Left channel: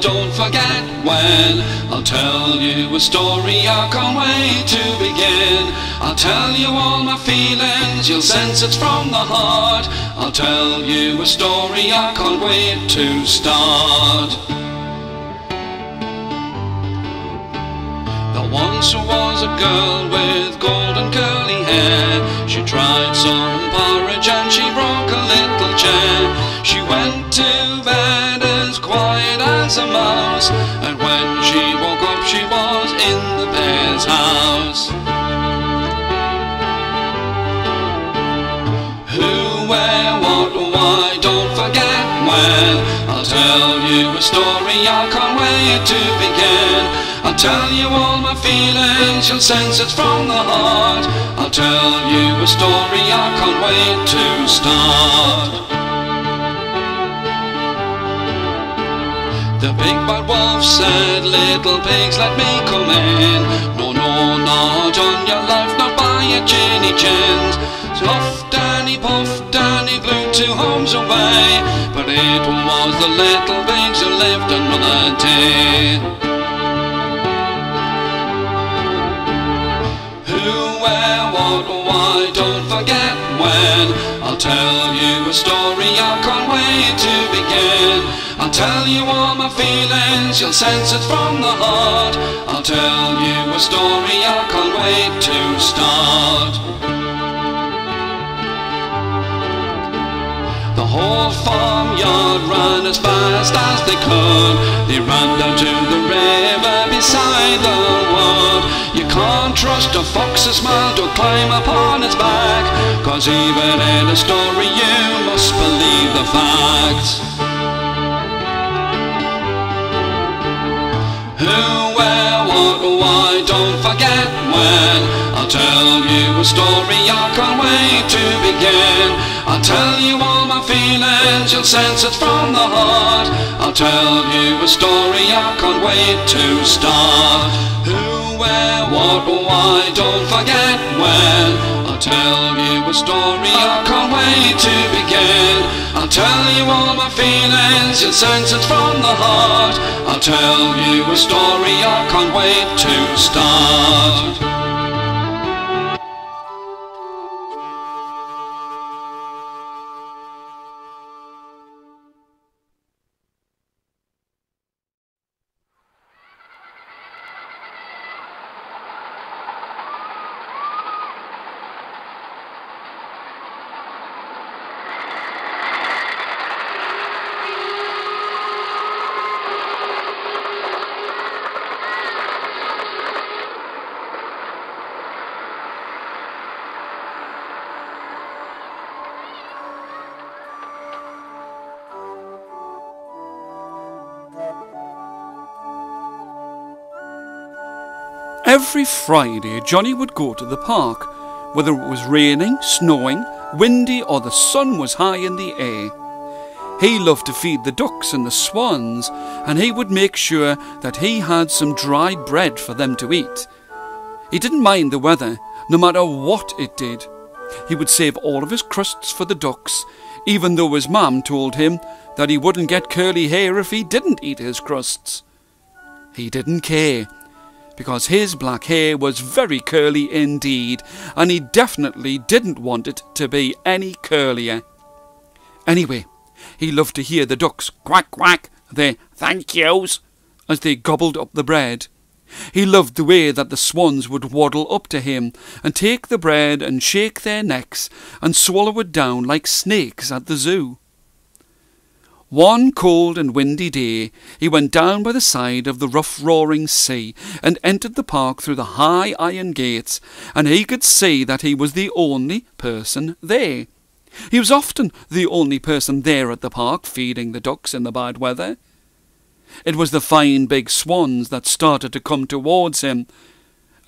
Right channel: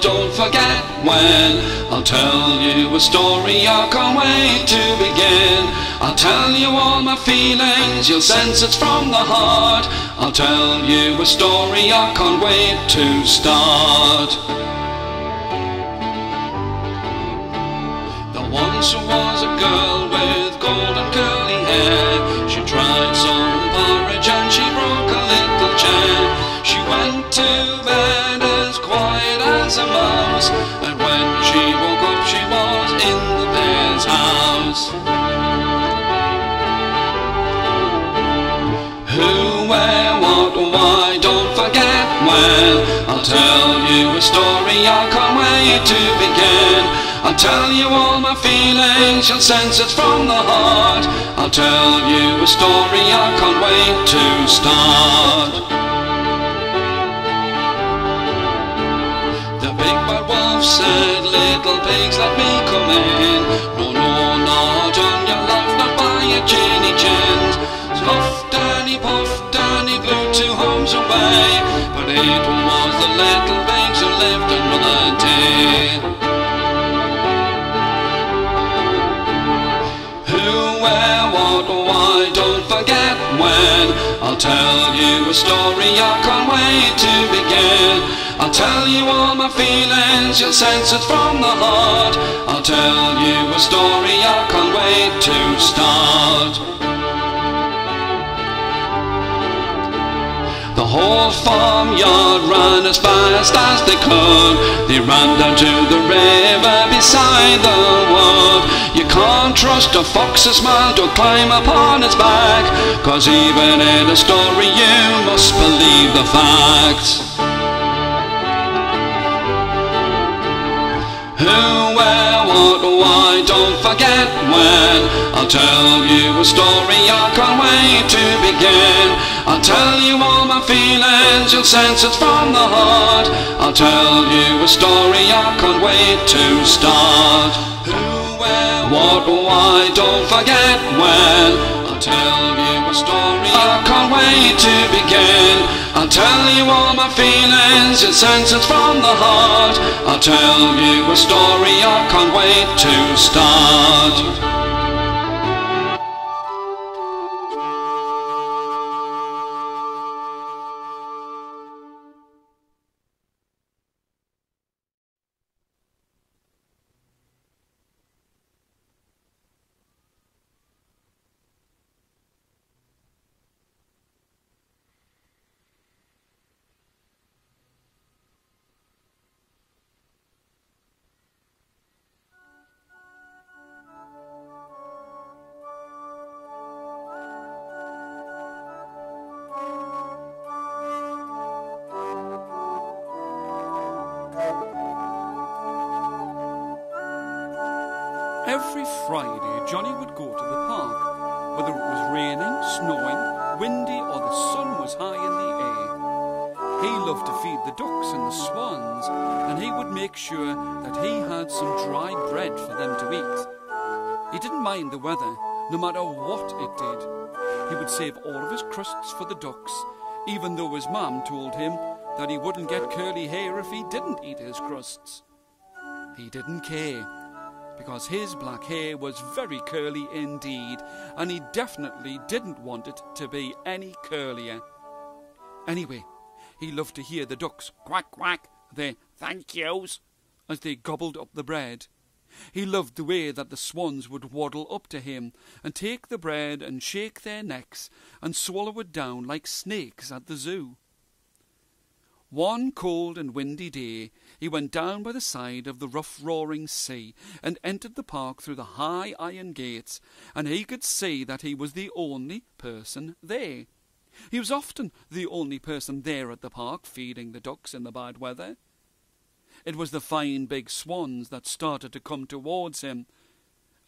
don't forget when. I'll tell you a story I can't wait to begin. I'll tell you all my feelings, you'll sense it's from the heart. I'll tell you a story I can't wait to start. There once was a girl with golden curly hair. She tried some porridge and she broke a little chair. She went to bed as quiet as a mouse, and when she woke up she was in the bear's house. Who, where, what, why, don't forget when. I'll tell you a story I can't wait to begin. I'll tell you all my feelings, you'll sense it's from the heart. I'll tell you a story I can't wait to start. The big bad wolf said, little pigs, let me come in. No, no, not on your life, not by a ginny gins. So huffed and he puffed and he blew 2 homes away, but it was the little pigs who lived another day. Who, where, what, why, don't forget when. I'll tell you a story I can't wait to begin. I'll tell you all my feelings, you'll sense it's from the heart. I'll tell you a story I can't wait to start. The whole farmyard ran as fast as they could. They ran down to the river beside the wood. You can't trust a fox's smile to climb upon its back, 'cause even in a story you must believe the facts. Who, where, what, why, don't forget when. I'll tell you a story I can't wait to begin. I'll tell you all my feelings, you'll sense it's from the heart. I'll tell you a story I can't wait to start. Who, where, what, why, don't forget when. I'll tell you a story I can't wait to begin. I'll tell you all my feelings, you'll sense it's from the heart. I'll tell you a story I can't wait to start. Every Friday, Johnny would go to the park, whether it was raining, snowing, windy, or the sun was high in the air. He loved to feed the ducks and the swans, and he would make sure that he had some dried bread for them to eat. He didn't mind the weather, no matter what it did. He would save all of his crusts for the ducks, even though his mum told him that he wouldn't get curly hair if he didn't eat his crusts. He didn't care, because his black hair was very curly indeed, and he definitely didn't want it to be any curlier. Anyway, he loved to hear the ducks quack quack their thank yous as they gobbled up the bread. He loved the way that the swans would waddle up to him and take the bread and shake their necks and swallow it down like snakes at the zoo. One cold and windy day, he went down by the side of the rough roaring sea and entered the park through the high iron gates, and he could see that he was the only person there. He was often the only person there at the park, feeding the ducks in the bad weather. It was the fine big swans that started to come towards him,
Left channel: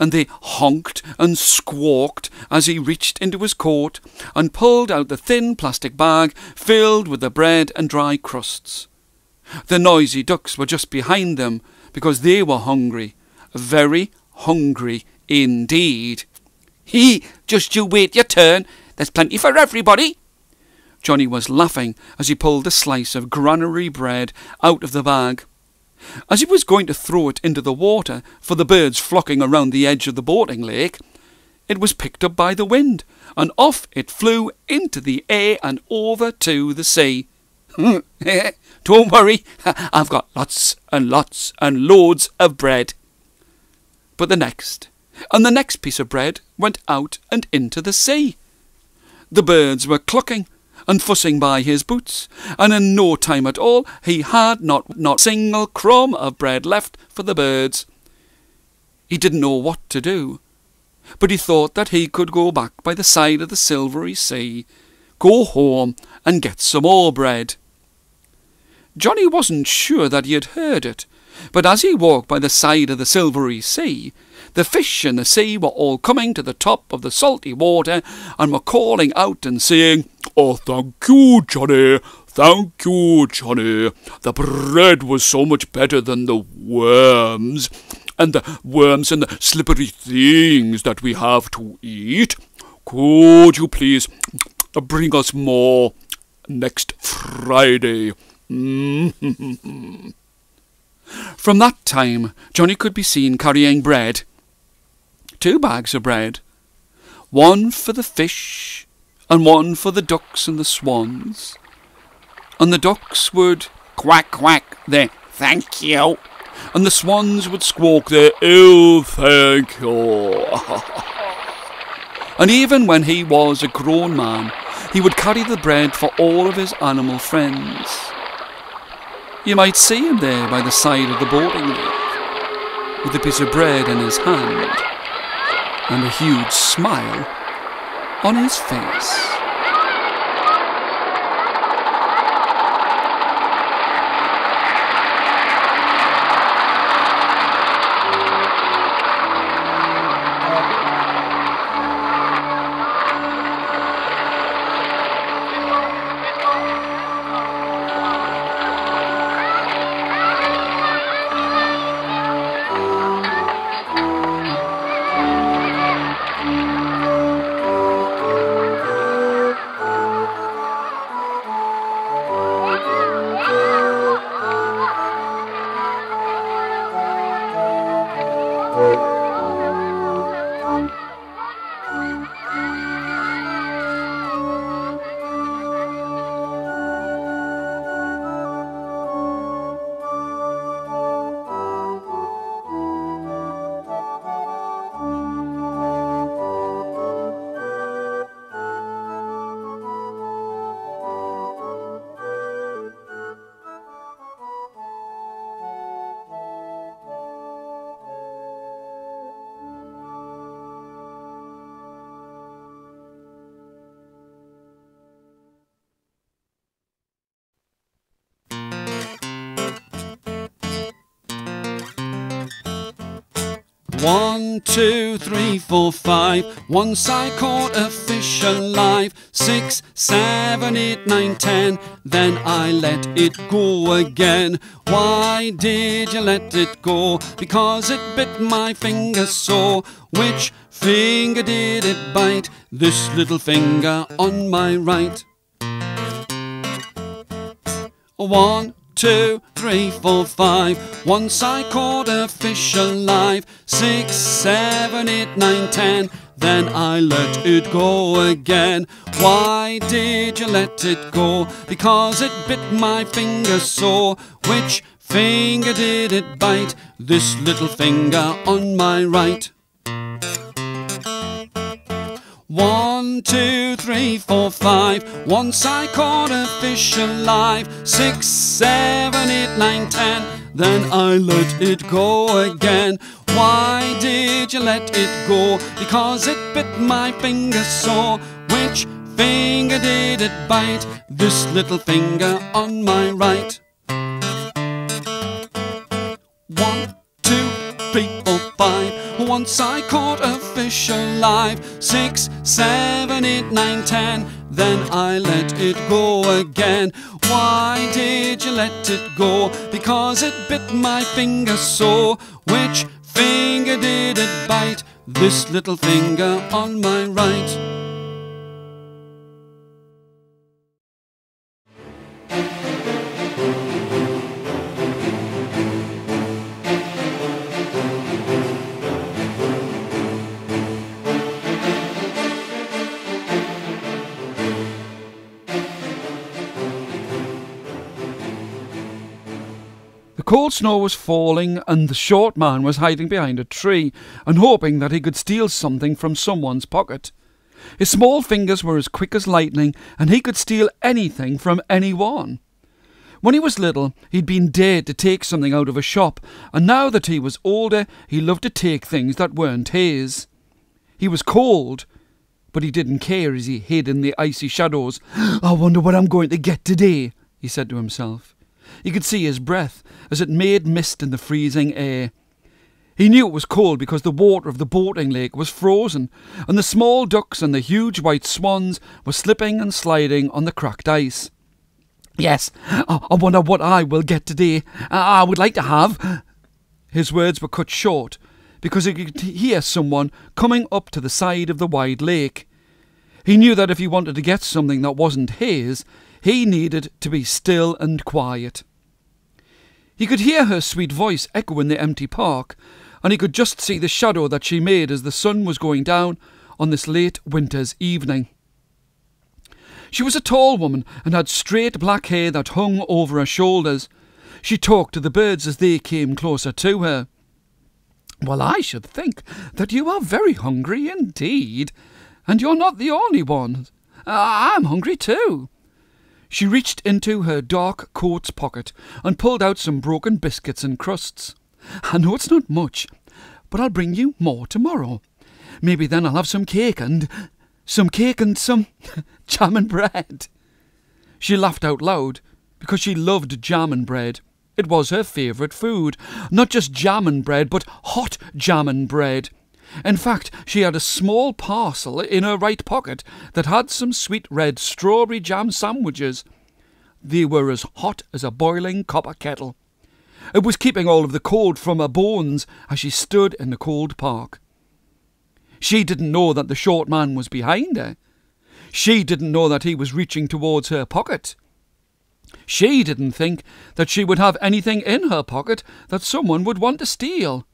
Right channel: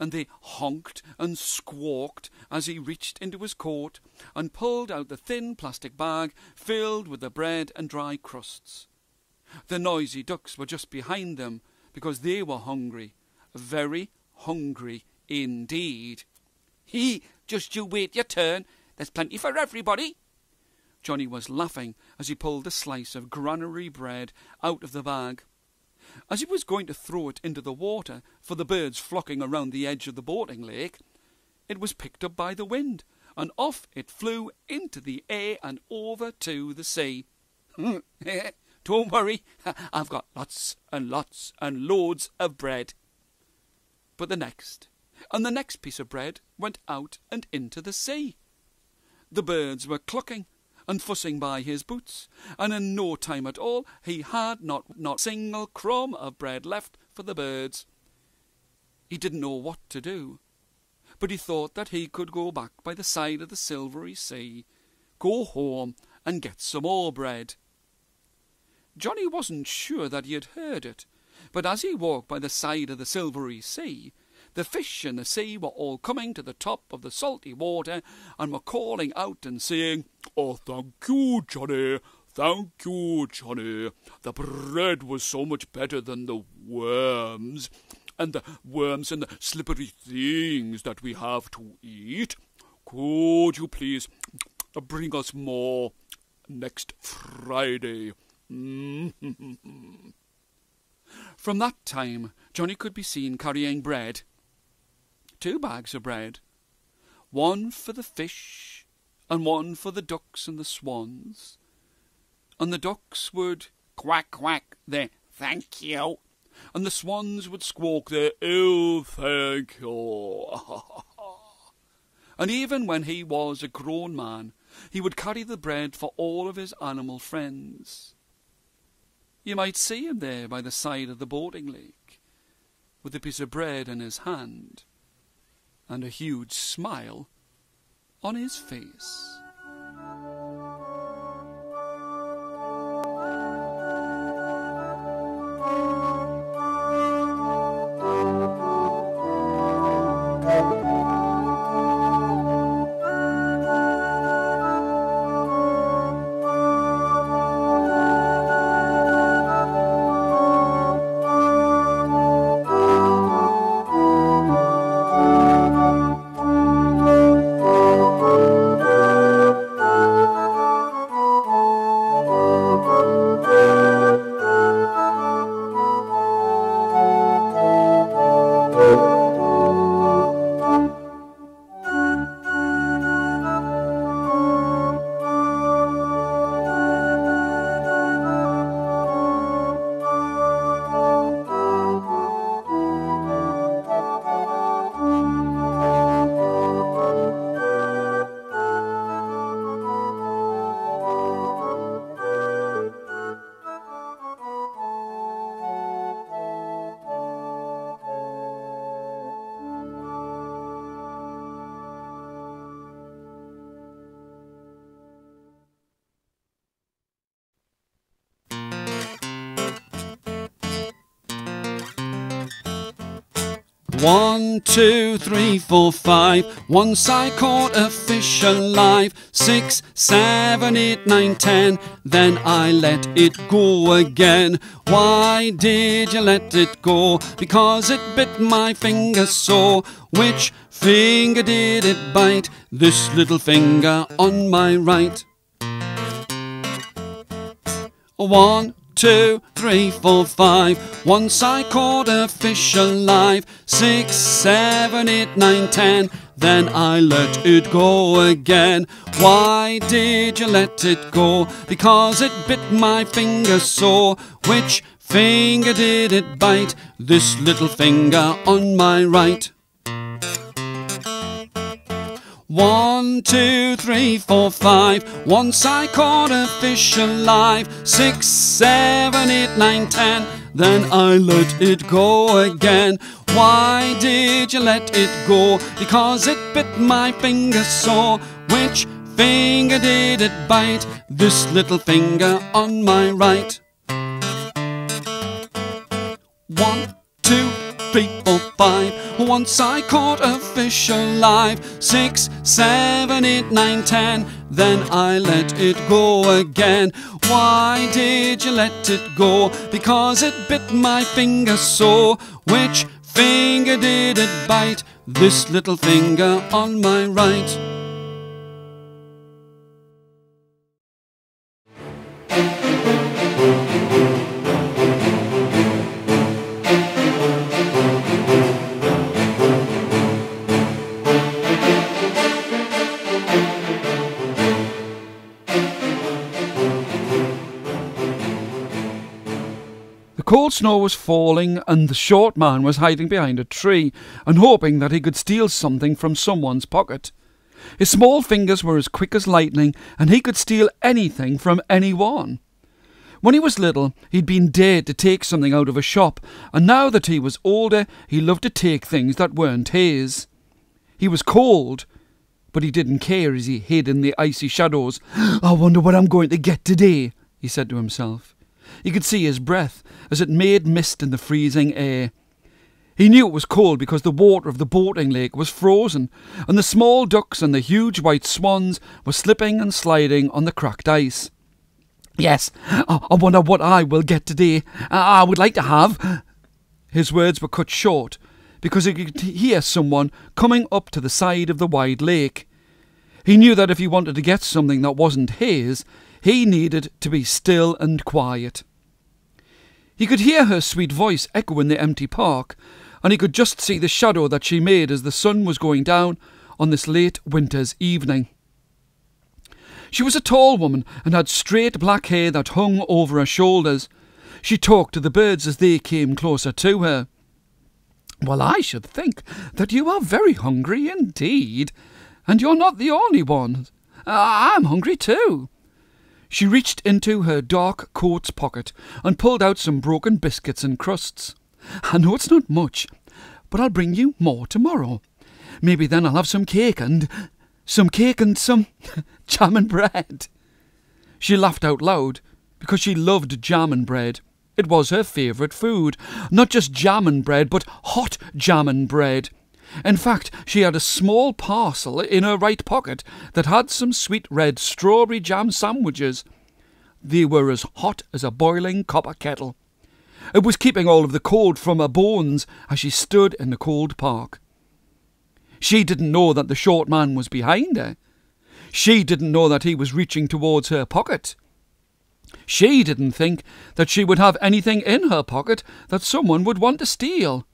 and they honked and squawked as he reached into his coat and pulled out the thin plastic bag filled with the bread and dry crusts. The noisy ducks were just behind them because they were hungry, very hungry indeed. Just you wait your turn. There's plenty for everybody." Johnny was laughing as he pulled a slice of granary bread out of the bag. As he was going to throw it into the water for the birds flocking around the edge of the boating lake, it was picked up by the wind, and off it flew into the air and over to the sea. Don't worry, I've got lots and lots and loads of bread. But the next piece of bread went out and into the sea. The birds were clucking and fussing by his boots, and in no time at all he had not a single crumb of bread left for the birds. He didn't know what to do, but he thought that he could go back by the side of the silvery sea, go home and get some more bread. Johnny wasn't sure that he had heard it, but as he walked by the side of the silvery sea, the fish in the sea were all coming to the top of the salty water and were calling out and saying, "Oh, thank you, Johnny. Thank you, Johnny. The bread was so much better than the worms and the slippery things that we have to eat. Could you please bring us more next Friday?" From that time, Johnny could be seen carrying bread. 2 bags of bread, one for the fish and one for the ducks and the swans. And the ducks would quack quack their "thank you," and the swans would squawk their "oh, thank you." And even when he was a grown man, he would carry the bread for all of his animal friends. You might see him there by the side of the boating lake, with a piece of bread in his hand and a huge smile on his face. One, 2, 3, 4, 5. Once I caught a fish alive. 6, 7, 8, 9, 10. Then I let it go again. Why did you let it go? Because it bit my finger so. Which finger did it bite? This little finger on my right. 1, 2, 3, 4, 5. Once I caught a fish alive. 6, 7, 8, 9, 10. Then I let it go again. Why did you let it go? Because it bit my finger so. Which finger did it bite? This little finger on my right. 1, 2, 3, 4, 5. Once I caught a fish alive. 6, 7, 8, 9, 10. Then I let it go again. Why did you let it go? Because it bit my finger so. Which finger did it bite? This little finger on my right. 1, 2, 3, 4, 5. Once I caught a fish alive. 6, 7, 8, 9, 10. Then I let it go again. Why did you let it go? Because it bit my finger so. Which finger did it bite? This little finger on my right. cold snow was falling, and the short man was hiding behind a tree and hoping that he could steal something from someone's pocket. His small fingers were as quick as lightning, and he could steal anything from anyone. When he was little, he'd been dared to take something out of a shop, and now that he was older, he loved to take things that weren't his. He was cold, but he didn't care as he hid in the icy shadows. "I wonder what I'm going to get today," he said to himself. He could see his breath as it made mist in the freezing air. He knew it was cold because the water of the boating lake was frozen, and the small ducks and the huge white swans were slipping and sliding on the cracked ice. "Yes, I wonder what I will get today. I would like to have—" His words were cut short because he could hear someone coming up to the side of the wide lake. He knew that if he wanted to get something that wasn't his, he needed to be still and quiet. He could hear her sweet voice echo in the empty park, and he could just see the shadow that she made as the sun was going down on this late winter's evening. She was a tall woman and had straight black hair that hung over her shoulders. She talked to the birds as they came closer to her. "Well, I should think that you are very hungry indeed, and you're not the only one. I'm hungry too." She reached into her dark coat's pocket and pulled out some broken biscuits and crusts. "I know it's not much, but I'll bring you more tomorrow. Maybe then I'll have some cake and some jam and bread." She laughed out loud because she loved jam and bread. It was her favourite food. Not just jam and bread, but hot jam and bread. In fact, she had a small parcel in her right pocket that had some sweet red strawberry jam sandwiches. They were as hot as a boiling copper kettle. It was keeping all of the cold from her bones as she stood in the cold park. She didn't know that the short man was behind her. She didn't know that he was reaching towards her pocket. She didn't think that she would have anything in her pocket that someone would want to steal.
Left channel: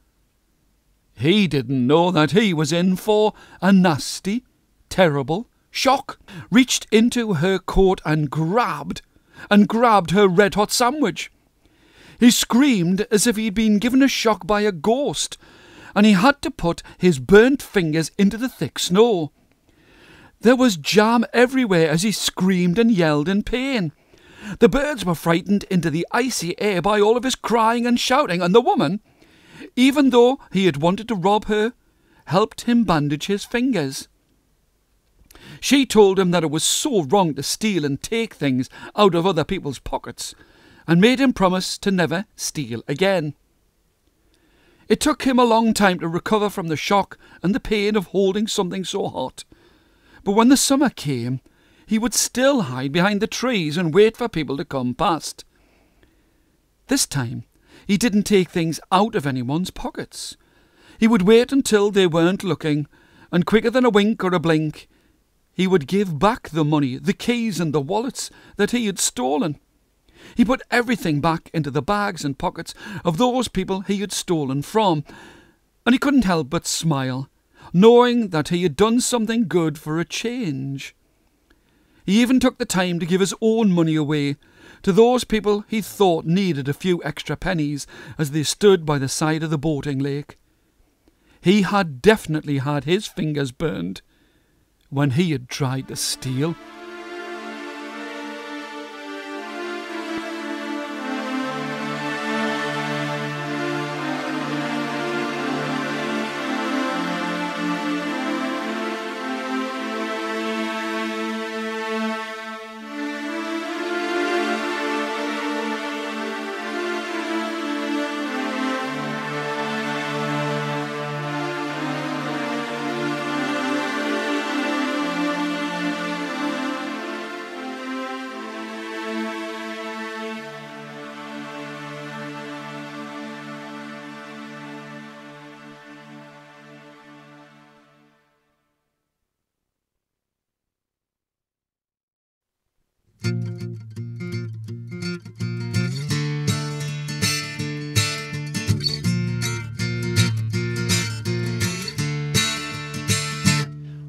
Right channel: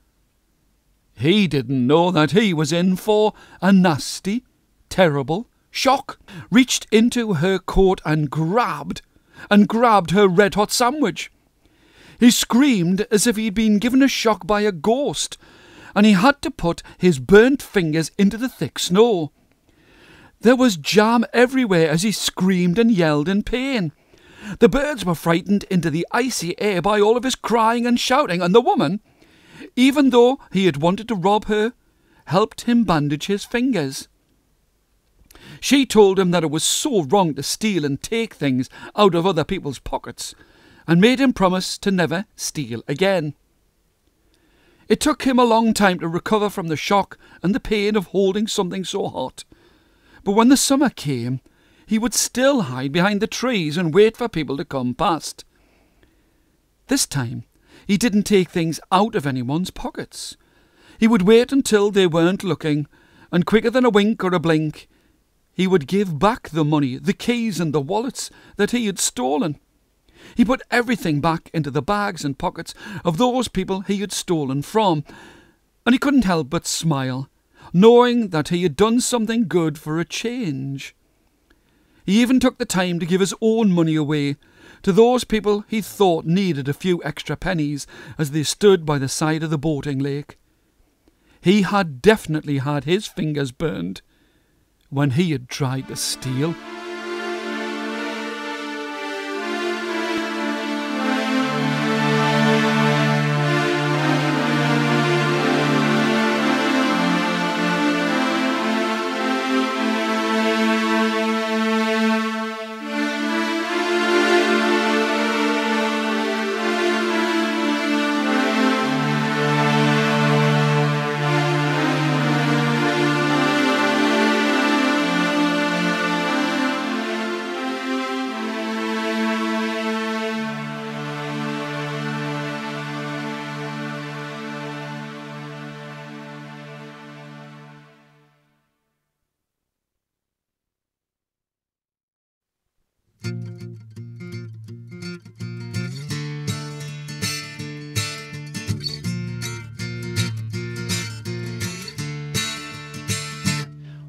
He didn't know that he was in for a nasty, terrible shock. Reached into her coat and grabbed her red-hot sandwich. He screamed as if he'd been given a shock by a ghost, and he had to put his burnt fingers into the thick snow. There was jam everywhere as he screamed and yelled in pain. The birds were frightened into the icy air by all of his crying and shouting, and the woman, even though he had wanted to rob her, helped him bandage his fingers. She told him that it was so wrong to steal and take things out of other people's pockets, and made him promise to never steal again. It took him a long time to recover from the shock and the pain of holding something so hot. But when the summer came, he would still hide behind the trees and wait for people to come past. This time, he didn't take things out of anyone's pockets. He would wait until they weren't looking, and quicker than a wink or a blink, he would give back the money, the keys and the wallets that he had stolen. He put everything back into the bags and pockets of those people he had stolen from, and he couldn't help but smile, knowing that he had done something good for a change. He even took the time to give his own money away to those people he thought needed a few extra pennies as they stood by the side of the boating lake. He had definitely had his fingers burned when he had tried to steal.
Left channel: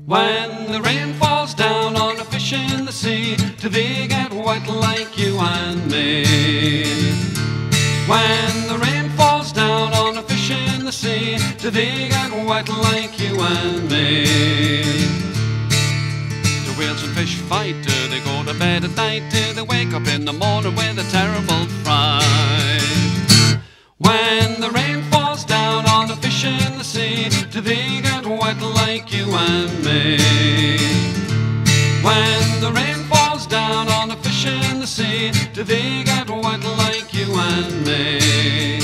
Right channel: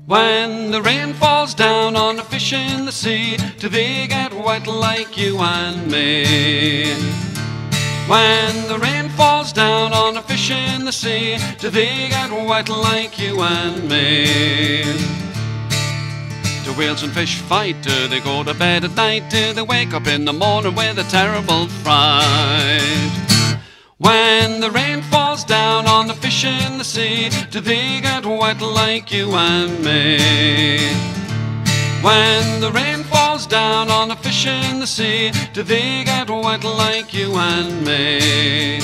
When the rain falls down on the fish in the sea, till they get wet like you and me. When the rain falls down on the fish in the sea, do they get wet like you and me? Do whales and fish fight? Do they go to bed at night? Do they wake up in the morning with a terrible fright? When the rain falls down on the fish in the sea, do they get wet like you and me? When the rain falls down on the fish in the sea, do they get wet like you and me?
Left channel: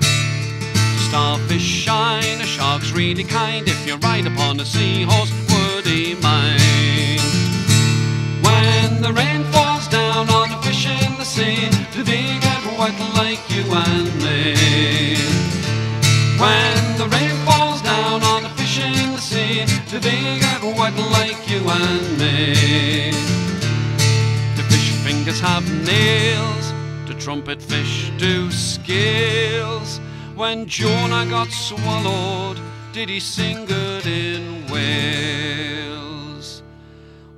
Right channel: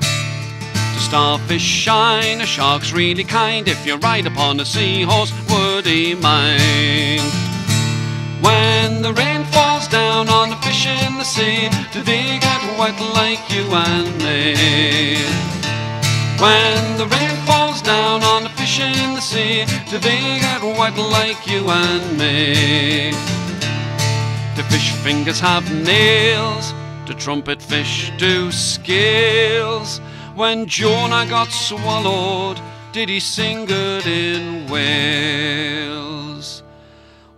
The starfish shine, a shark's really kind. If you ride upon a seahorse, would he mind? When the rain falls down on the fish in the sea, do they get wet like you and me? When the rain falls down on the fish in the sea, do they get wet like you and me? The fish fingers have nails, the trumpet fish do scales. When Jonah got swallowed, did he sing good in Wales?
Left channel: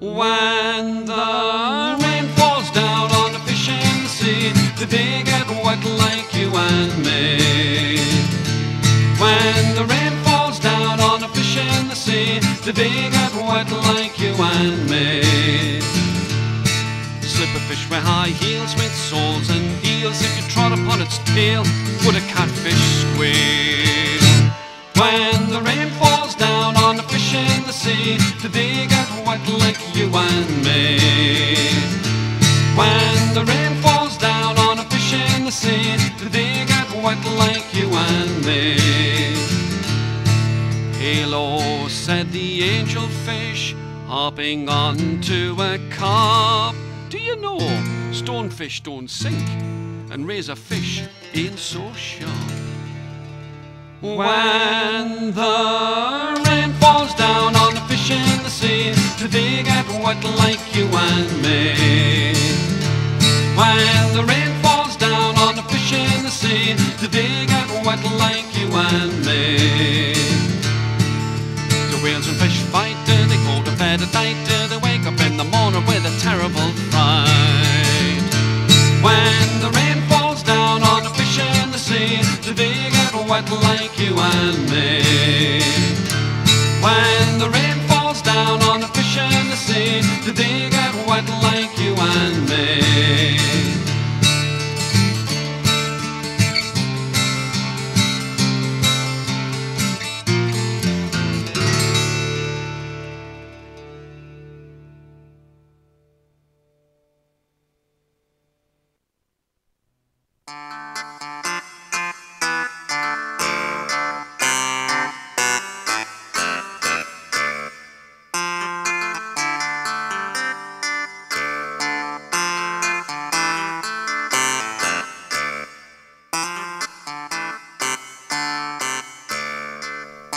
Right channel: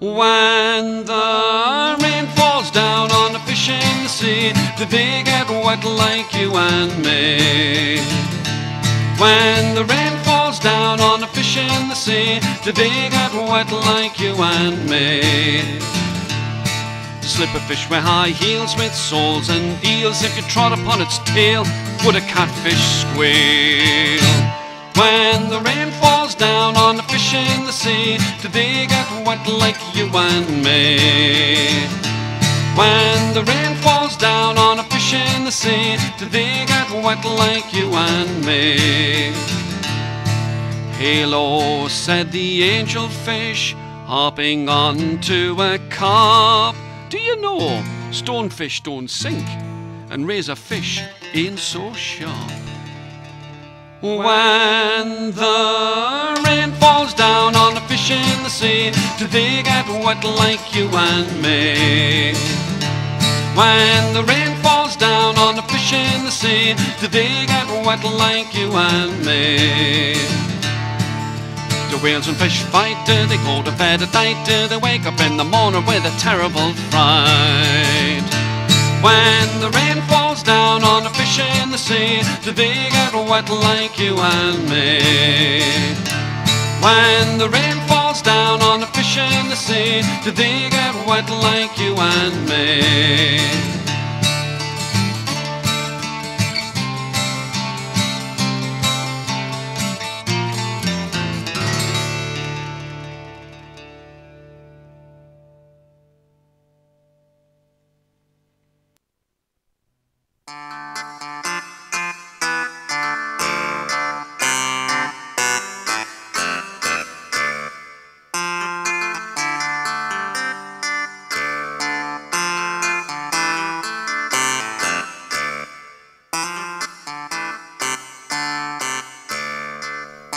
When the rain falls down on the fish in the sea, do they get wet like you and me? When the rain falls down on the fish in the sea, do they get wet like you and me? Slipper fish wear high heels with soles and eels. If you trod upon its tail, would a catfish squeal? When the rain falls down on the fish in the sea, do they get wet like you and me? When the rain falls down on a fish in the sea, do they get wet like you and me? Halo, said the angel fish, hopping onto a carp. Do you know stonefish don't sink, and razorfish ain't so sharp? When the rain falls down on the fish in the sea, do they get wet like you and me? When the rain falls down on the fish in the sea, do they get wet like you and me? Do whales and fish fight? Do they go to bed at night? Do they wake up in the morning with a terrible fright? When the rain falls down on the fish in the sea, do they get wet like you and me? When the rain falls down on the fish in the sea, do they get wet like you and me?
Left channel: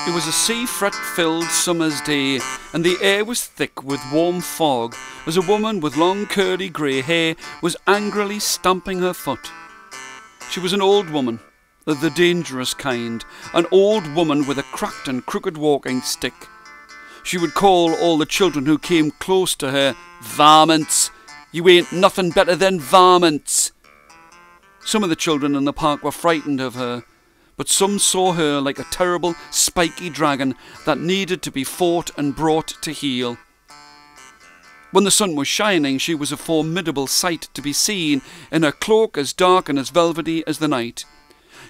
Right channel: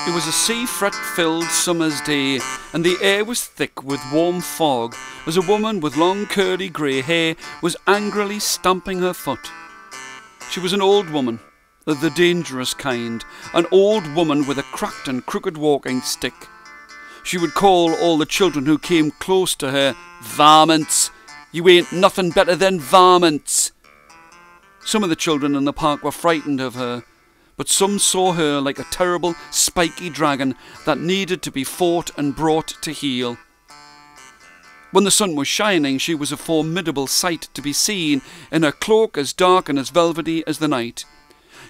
It was a sea-fret-filled summer's day, and the air was thick with warm fog, as a woman with long curly grey hair was angrily stamping her foot. She was an old woman, of the dangerous kind, an old woman with a cracked and crooked walking stick. She would call all the children who came close to her, "Varmints! You ain't nothing better than varmints!" Some of the children in the park were frightened of her, but some saw her like a terrible, spiky dragon that needed to be fought and brought to heel. When the sun was shining, she was a formidable sight to be seen, in her cloak as dark and as velvety as the night.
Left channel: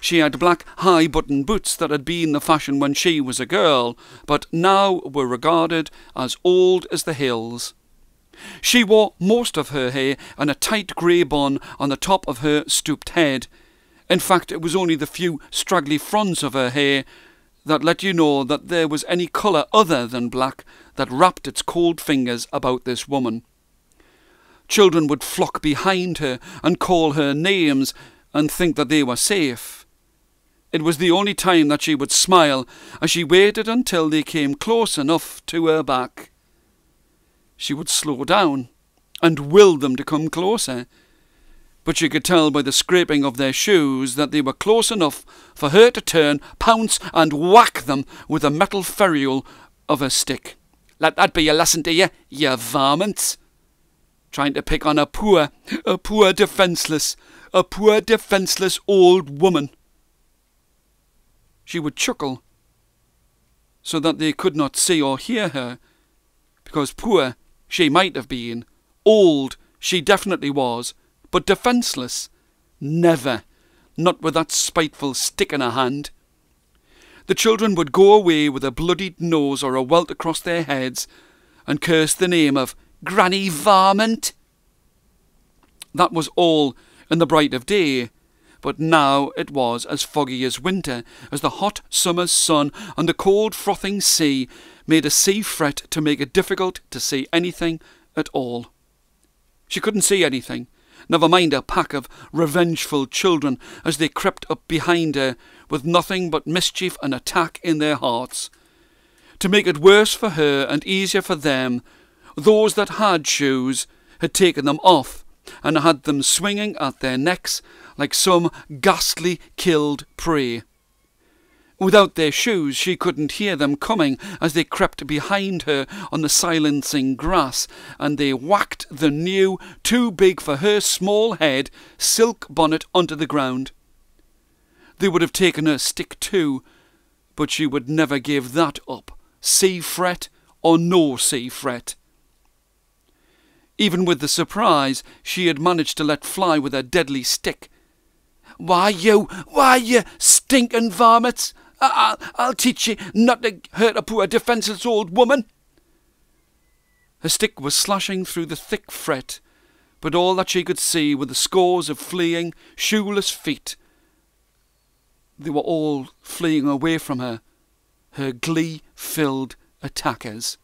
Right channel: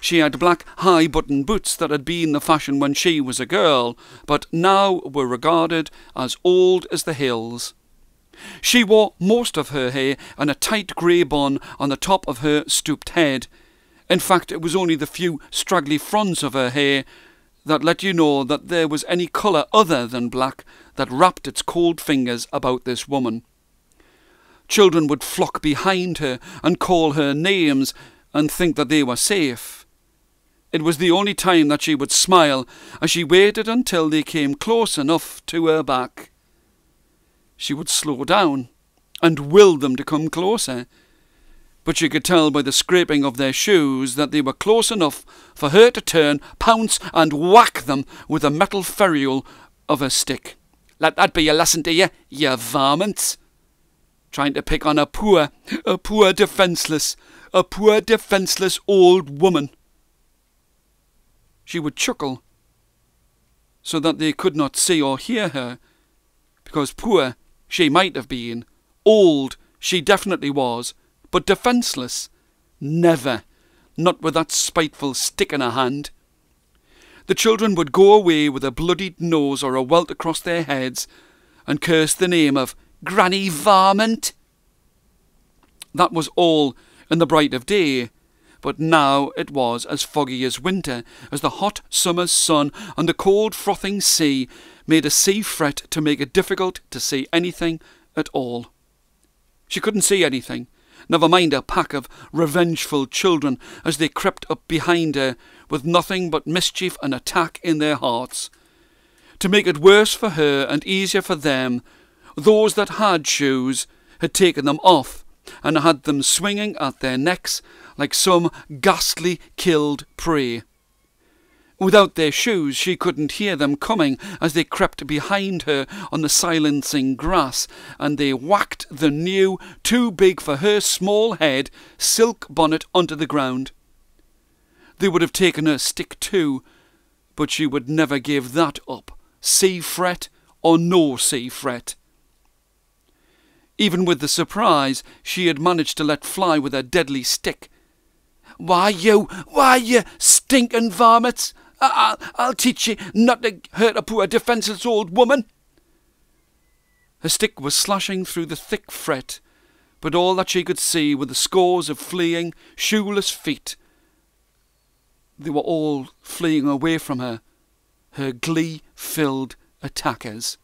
She had black high-button boots that had been the fashion when she was a girl, but now were regarded as old as the hills. She wore most of her hair in a tight grey bun on the top of her stooped head. In fact, it was only the few straggly fronds of her hair that let you know that there was any colour other than black that wrapped its cold fingers about this woman. Children would flock behind her and call her names and think that they were safe. It was the only time that she would smile, as she waited until they came close enough to her back. She would slow down and will them to come closer, but you could tell by the scraping of their shoes that they were close enough for her to turn, pounce, and whack them with a metal ferrule of her stick. "Let that be your lesson to you, you varmints." trying to pick on a poor defenceless old woman. She would chuckle so that they could not see or hear her, because poor she might have been, old she definitely was, but defenceless, never, not with that spiteful stick in her hand. The children would go away with a bloodied nose or a welt across their heads and curse the name of Granny Varmint. That was all in the bright of day, but now it was as foggy as winter, as the hot summer's sun and the cold frothing sea made a sea fret to make it difficult to see anything at all. She couldn't see anything, never mind a pack of revengeful children as they crept up behind her with nothing but mischief and attack in their hearts. To make it worse for her and easier for them, those that had shoes had taken them off and had them swinging at their necks like some ghastly killed prey. Without their shoes she couldn't hear them coming as they crept behind her on the silencing grass, and they whacked the new, too big for her small head, silk bonnet onto the ground. They would have taken her stick too, but she would never give that up, sea fret or no sea fret. Even with the surprise she had managed to let fly with her deadly stick. Why you stinking varmints! I'll teach you not to hurt a poor defenceless old woman." Her stick was slashing through the thick fret, but all that she could see were the scores of fleeing, shoeless feet. They were all fleeing away from her, her glee-filled attackers.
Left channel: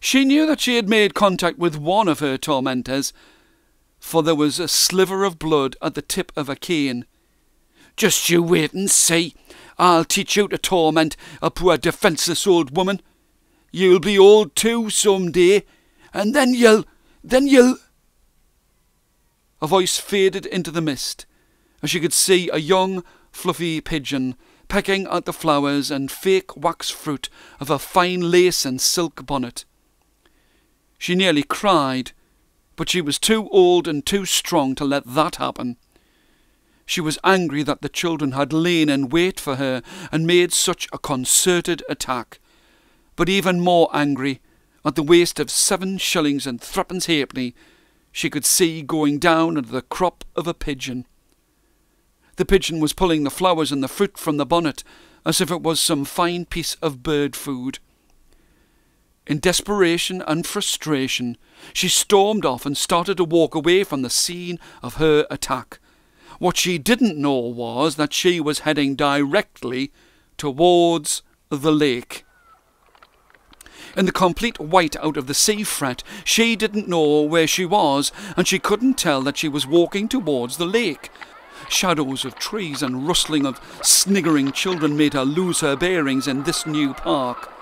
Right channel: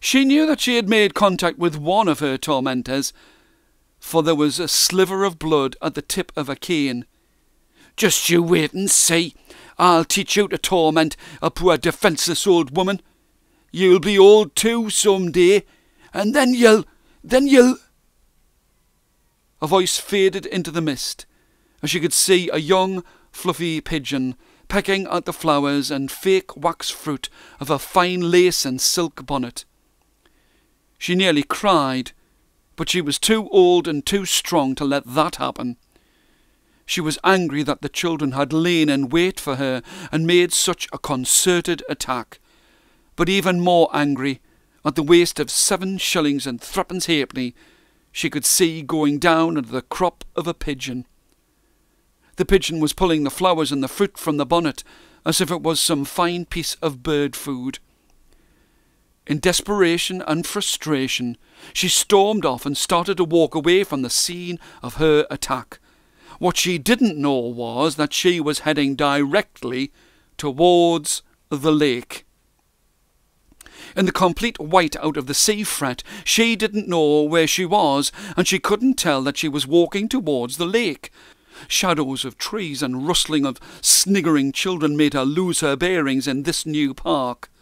She knew that she had made contact with one of her tormentors, for there was a sliver of blood at the tip of a cane. "Just you wait and see. I'll teach you to torment a poor defenceless old woman. You'll be old too some day, and then you'll... A voice faded into the mist, as she could see a young, fluffy pigeon pecking at the flowers and fake wax fruit of a fine lace and silk bonnet. She nearly cried, but she was too old and too strong to let that happen. She was angry that the children had lain in wait for her and made such a concerted attack, but even more angry at the waste of 7 shillings and 3 halfpenny she could see going down into the crop of a pigeon. The pigeon was pulling the flowers and the fruit from the bonnet as if it was some fine piece of bird food. In desperation and frustration, she stormed off and started to walk away from the scene of her attack. What she didn't know was that she was heading directly towards the lake. In the complete white out of the sea fret, she didn't know where she was, and she couldn't tell that she was walking towards the lake. Shadows of trees and rustling of sniggering children made her lose her bearings in this new park.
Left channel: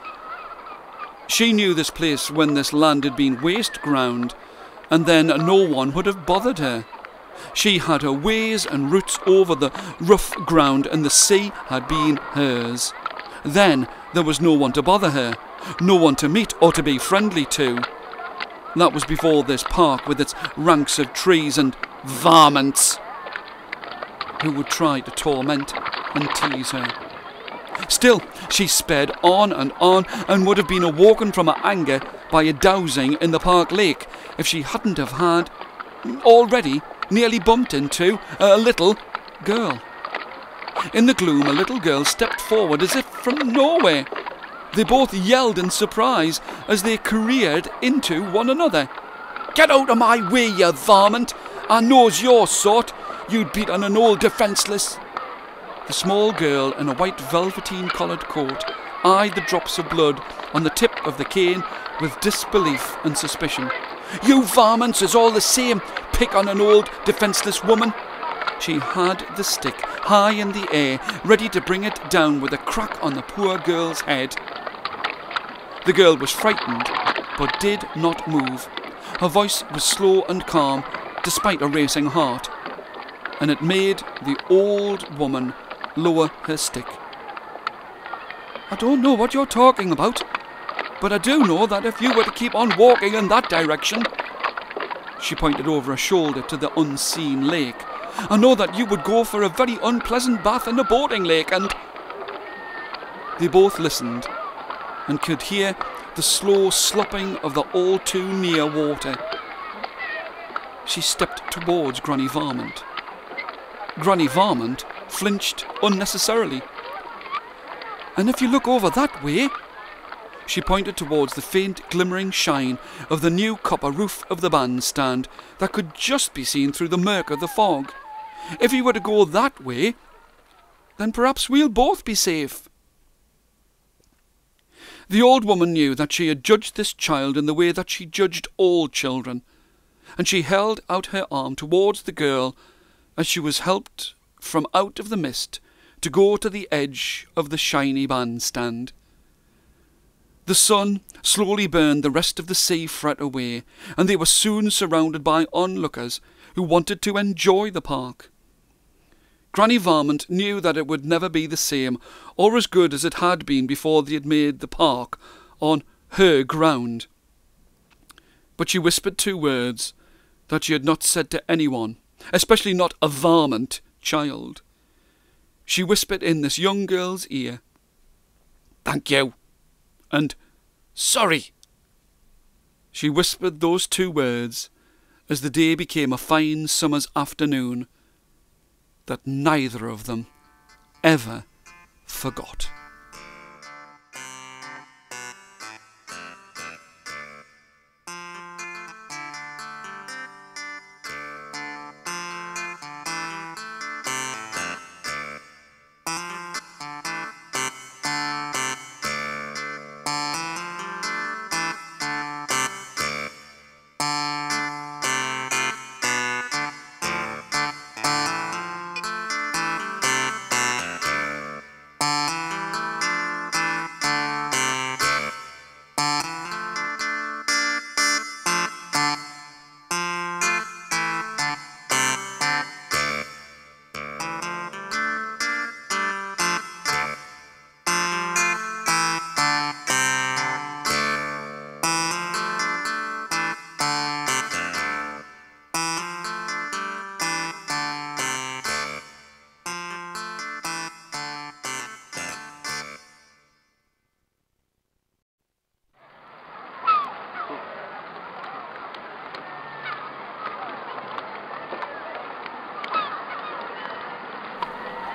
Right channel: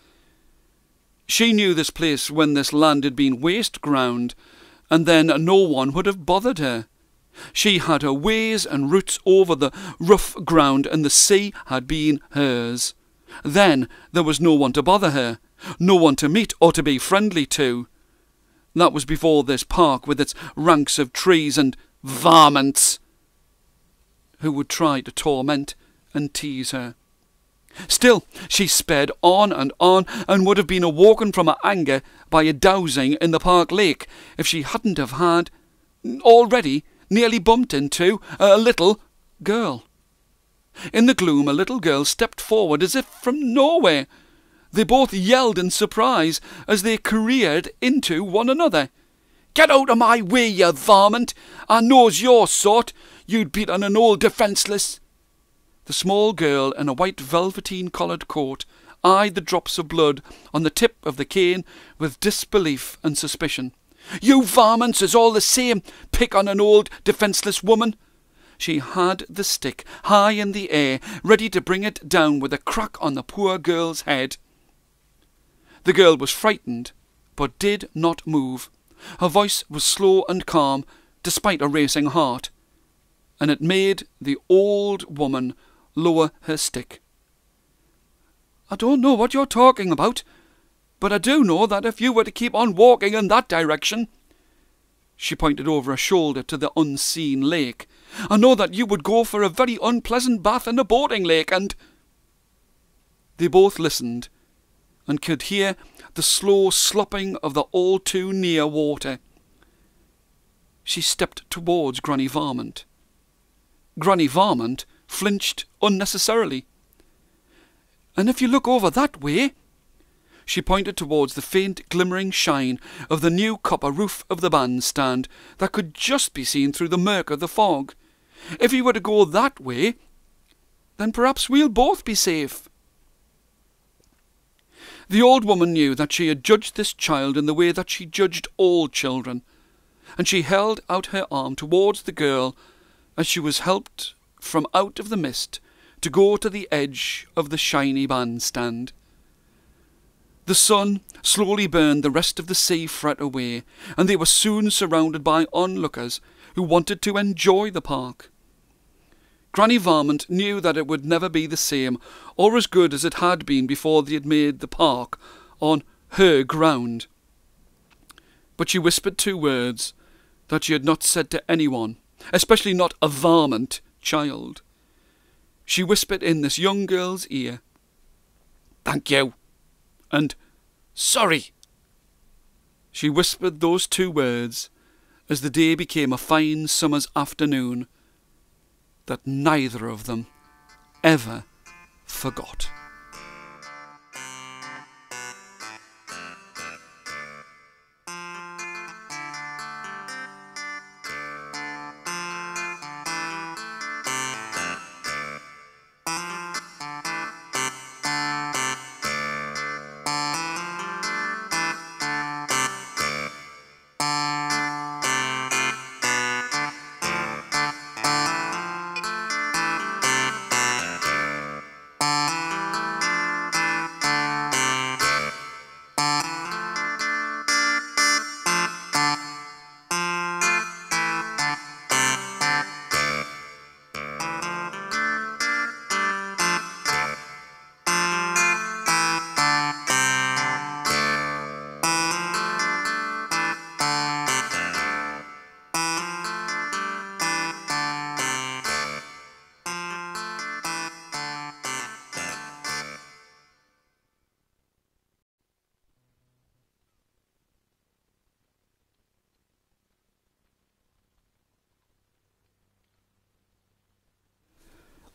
She knew this place when this land had been waste ground, and then no one would have bothered her. She had her ways and routes over the rough ground, and the sea had been hers. Then there was no one to bother her, no one to meet or to be friendly to. That was before this park with its ranks of trees and varmints who would try to torment and tease her. Still, she sped on and would have been awoken from her anger by a dowsing in the park lake if she hadn't have had already nearly bumped into a little girl. In the gloom, a little girl stepped forward as if from nowhere. They both yelled in surprise as they careered into one another. "Get out of my way, you varmint! I knows your sort. You'd beat on an old defenceless." The small girl in a white velveteen-collared coat eyed the drops of blood on the tip of the cane with disbelief and suspicion. "You varmints is all the same. Pick on an old defenceless woman." She had the stick high in the air, ready to bring it down with a crack on the poor girl's head. The girl was frightened, but did not move. Her voice was slow and calm, despite a racing heart, and it made the old woman lower her stick. "I don't know what you're talking about, but I do know that if you were to keep on walking in that direction, She pointed over her shoulder to the unseen lake. "I know that you would go for a very unpleasant bath in the boating lake, and—" They both listened and could hear the slow slopping of the all too near water. She stepped towards Granny Varmint. Granny Varmint flinched unnecessarily. "And if you look over that way," she pointed towards the faint glimmering shine of the new copper roof of the bandstand that could just be seen through the murk of the fog. "If you were to go that way, then perhaps we'll both be safe." The old woman knew that she had judged this child in the way that she judged all children, and she held out her arm towards the girl as she was helped from out of the mist to go to the edge of the shiny bandstand. The sun slowly burned the rest of the sea fret away, and they were soon surrounded by onlookers who wanted to enjoy the park. Granny Varmint knew that it would never be the same or as good as it had been before they had made the park on her ground. But she whispered 2 words that she had not said to anyone, especially not a Varmint child. She whispered in this young girl's ear, "Thank you," and "Sorry." She whispered those 2 words as the day became a fine summer's afternoon that neither of them ever forgot.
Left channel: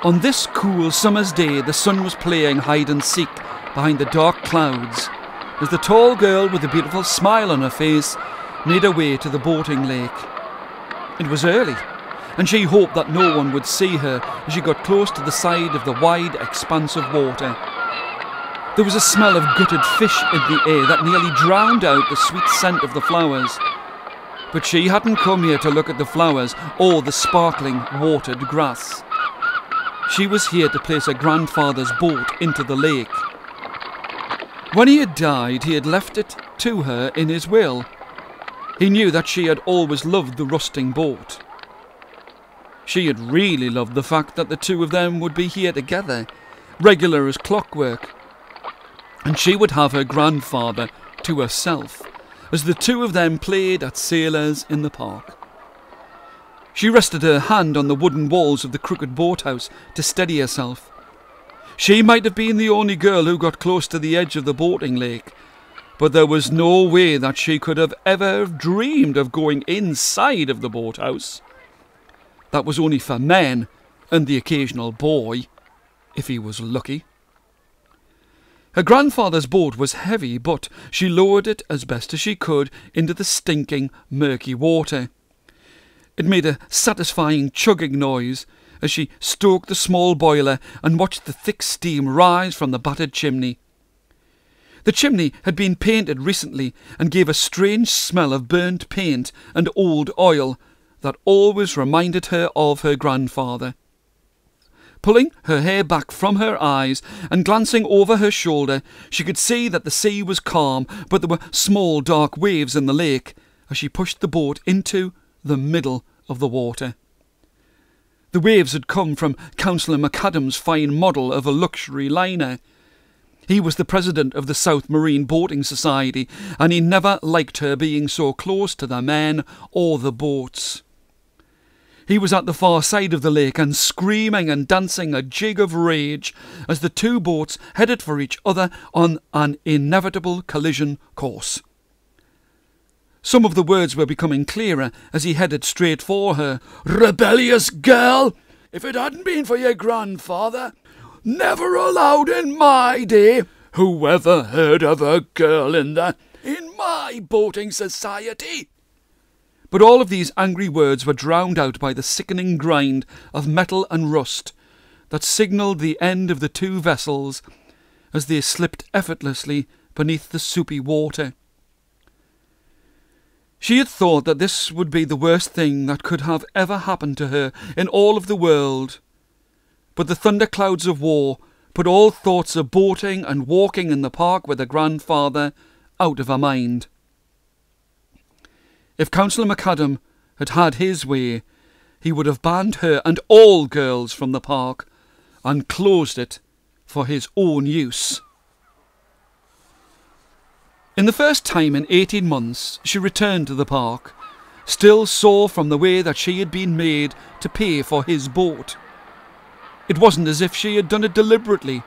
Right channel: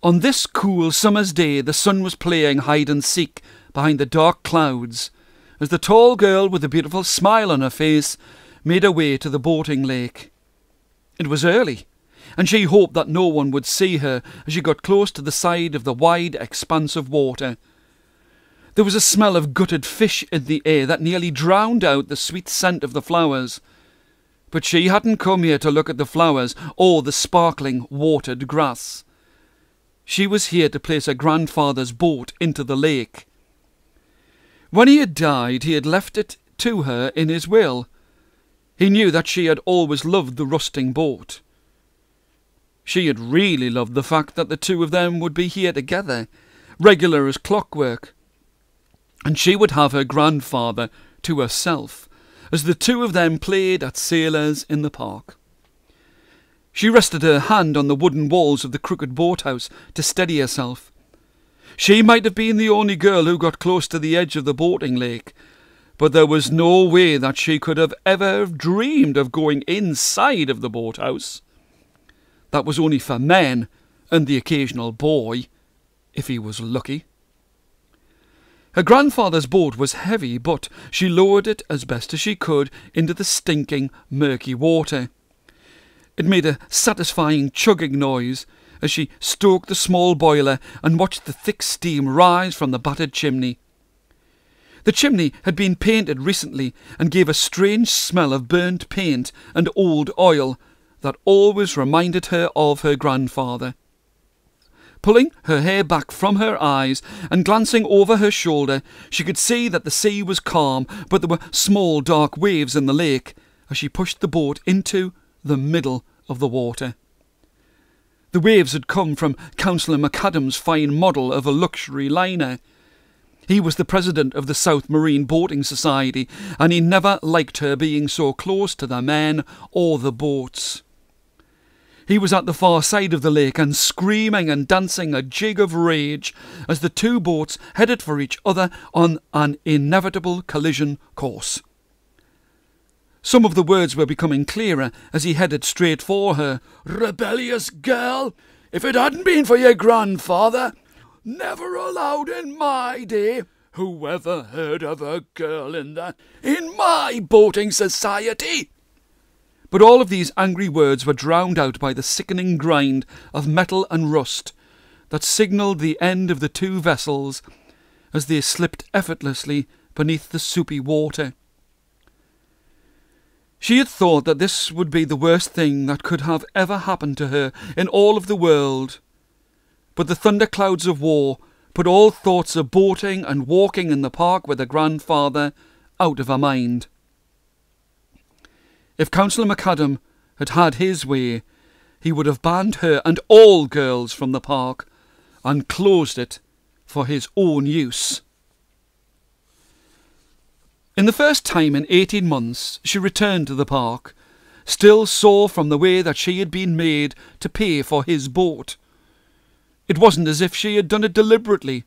On this cool summer's day, the sun was playing hide-and-seek behind the dark clouds as the tall girl with the beautiful smile on her face made her way to the boating lake. It was early, and she hoped that no one would see her as she got close to the side of the wide expanse of water. There was a smell of gutted fish in the air that nearly drowned out the sweet scent of the flowers. But she hadn't come here to look at the flowers or the sparkling watered grass. She was here to place her grandfather's boat into the lake. When he had died, he had left it to her in his will. He knew that she had always loved the rusting boat. She had really loved the fact that the 2 of them would be here together, regular as clockwork, and she would have her grandfather to herself as the 2 of them played at sailors in the park. She rested her hand on the wooden walls of the crooked boathouse to steady herself. She might have been the only girl who got close to the edge of the boating lake, but there was no way that she could have ever dreamed of going inside of the boathouse. That was only for men and the occasional boy, if he was lucky. Her grandfather's boat was heavy, but she lowered it as best as she could into the stinking, murky water. It made a satisfying chugging noise as she stoked the small boiler and watched the thick steam rise from the battered chimney. The chimney had been painted recently and gave a strange smell of burnt paint and old oil that always reminded her of her grandfather. Pulling her hair back from her eyes and glancing over her shoulder, she could see that the sea was calm, but there were small dark waves in the lake as she pushed the boat into the middle of the water. The waves had come from Councillor McAdam's fine model of a luxury liner. He was the president of the South Marine Boating Society, and he never liked her being so close to the men or the boats. He was at the far side of the lake and screaming and dancing a jig of rage as the two boats headed for each other on an inevitable collision course. Some of the words were becoming clearer as he headed straight for her. "Rebellious girl! If it hadn't been for your grandfather, never allowed in my day. Whoever heard of a girl in my boating society?" But all of these angry words were drowned out by the sickening grind of metal and rust that signalled the end of the two vessels as they slipped effortlessly beneath the soupy water. She had thought that this would be the worst thing that could have ever happened to her in all of the world. But the thunderclouds of war put all thoughts of boating and walking in the park with her grandfather out of her mind. If Councillor McAdam had had his way, he would have banned her and all girls from the park and closed it for his own use. In the first time in 18 months, she returned to the park, still sore from the way that she had been made to pay for his boat. It wasn't as if she had done it deliberately,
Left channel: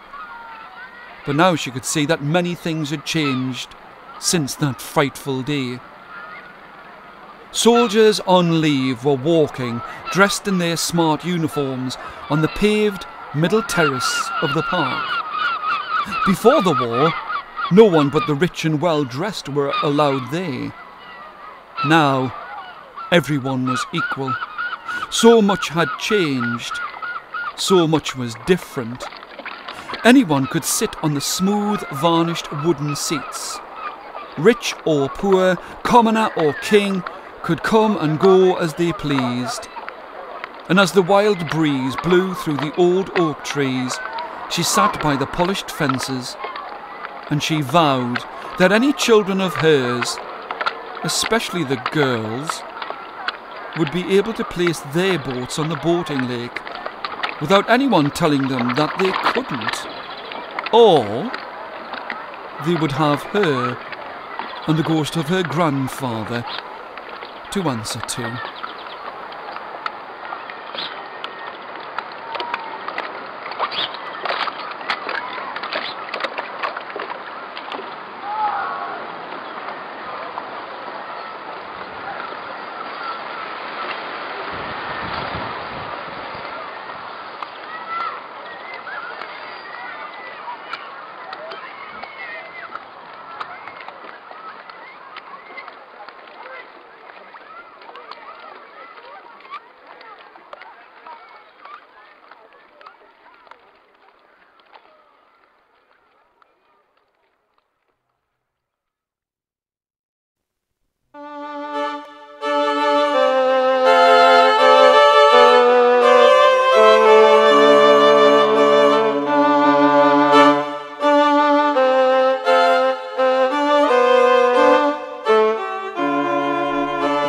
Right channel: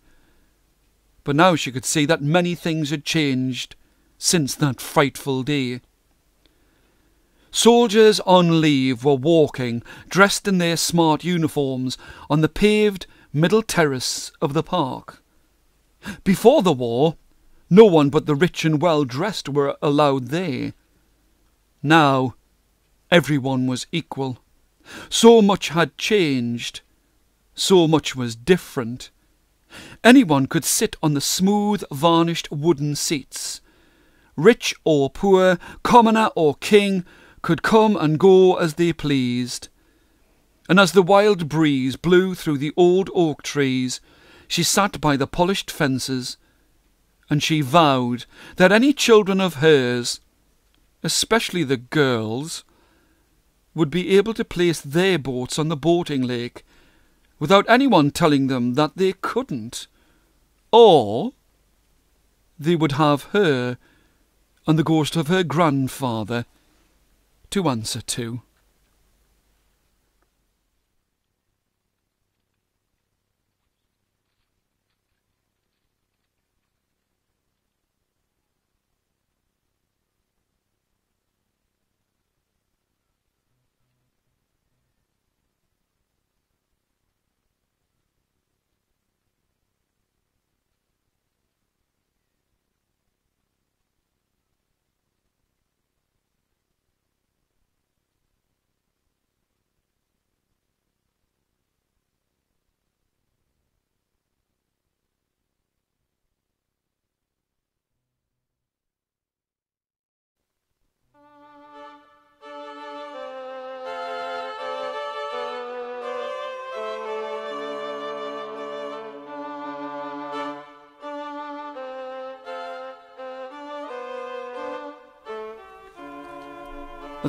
but now she could see that many things had changed since that frightful day. Soldiers on leave were walking, dressed in their smart uniforms, on the paved middle terrace of the park. Before the war, no one but the rich and well-dressed were allowed there. Now, everyone was equal. So much had changed. So much was different. Anyone could sit on the smooth, varnished wooden seats. Rich or poor, commoner or king, could come and go as they pleased. And as the wild breeze blew through the old oak trees, she sat by the polished fences, and she vowed that any children of hers, especially the girls, would be able to place their boats on the boating lake without anyone telling them that they couldn't. Or they would have her and the ghost of her grandfather to answer to.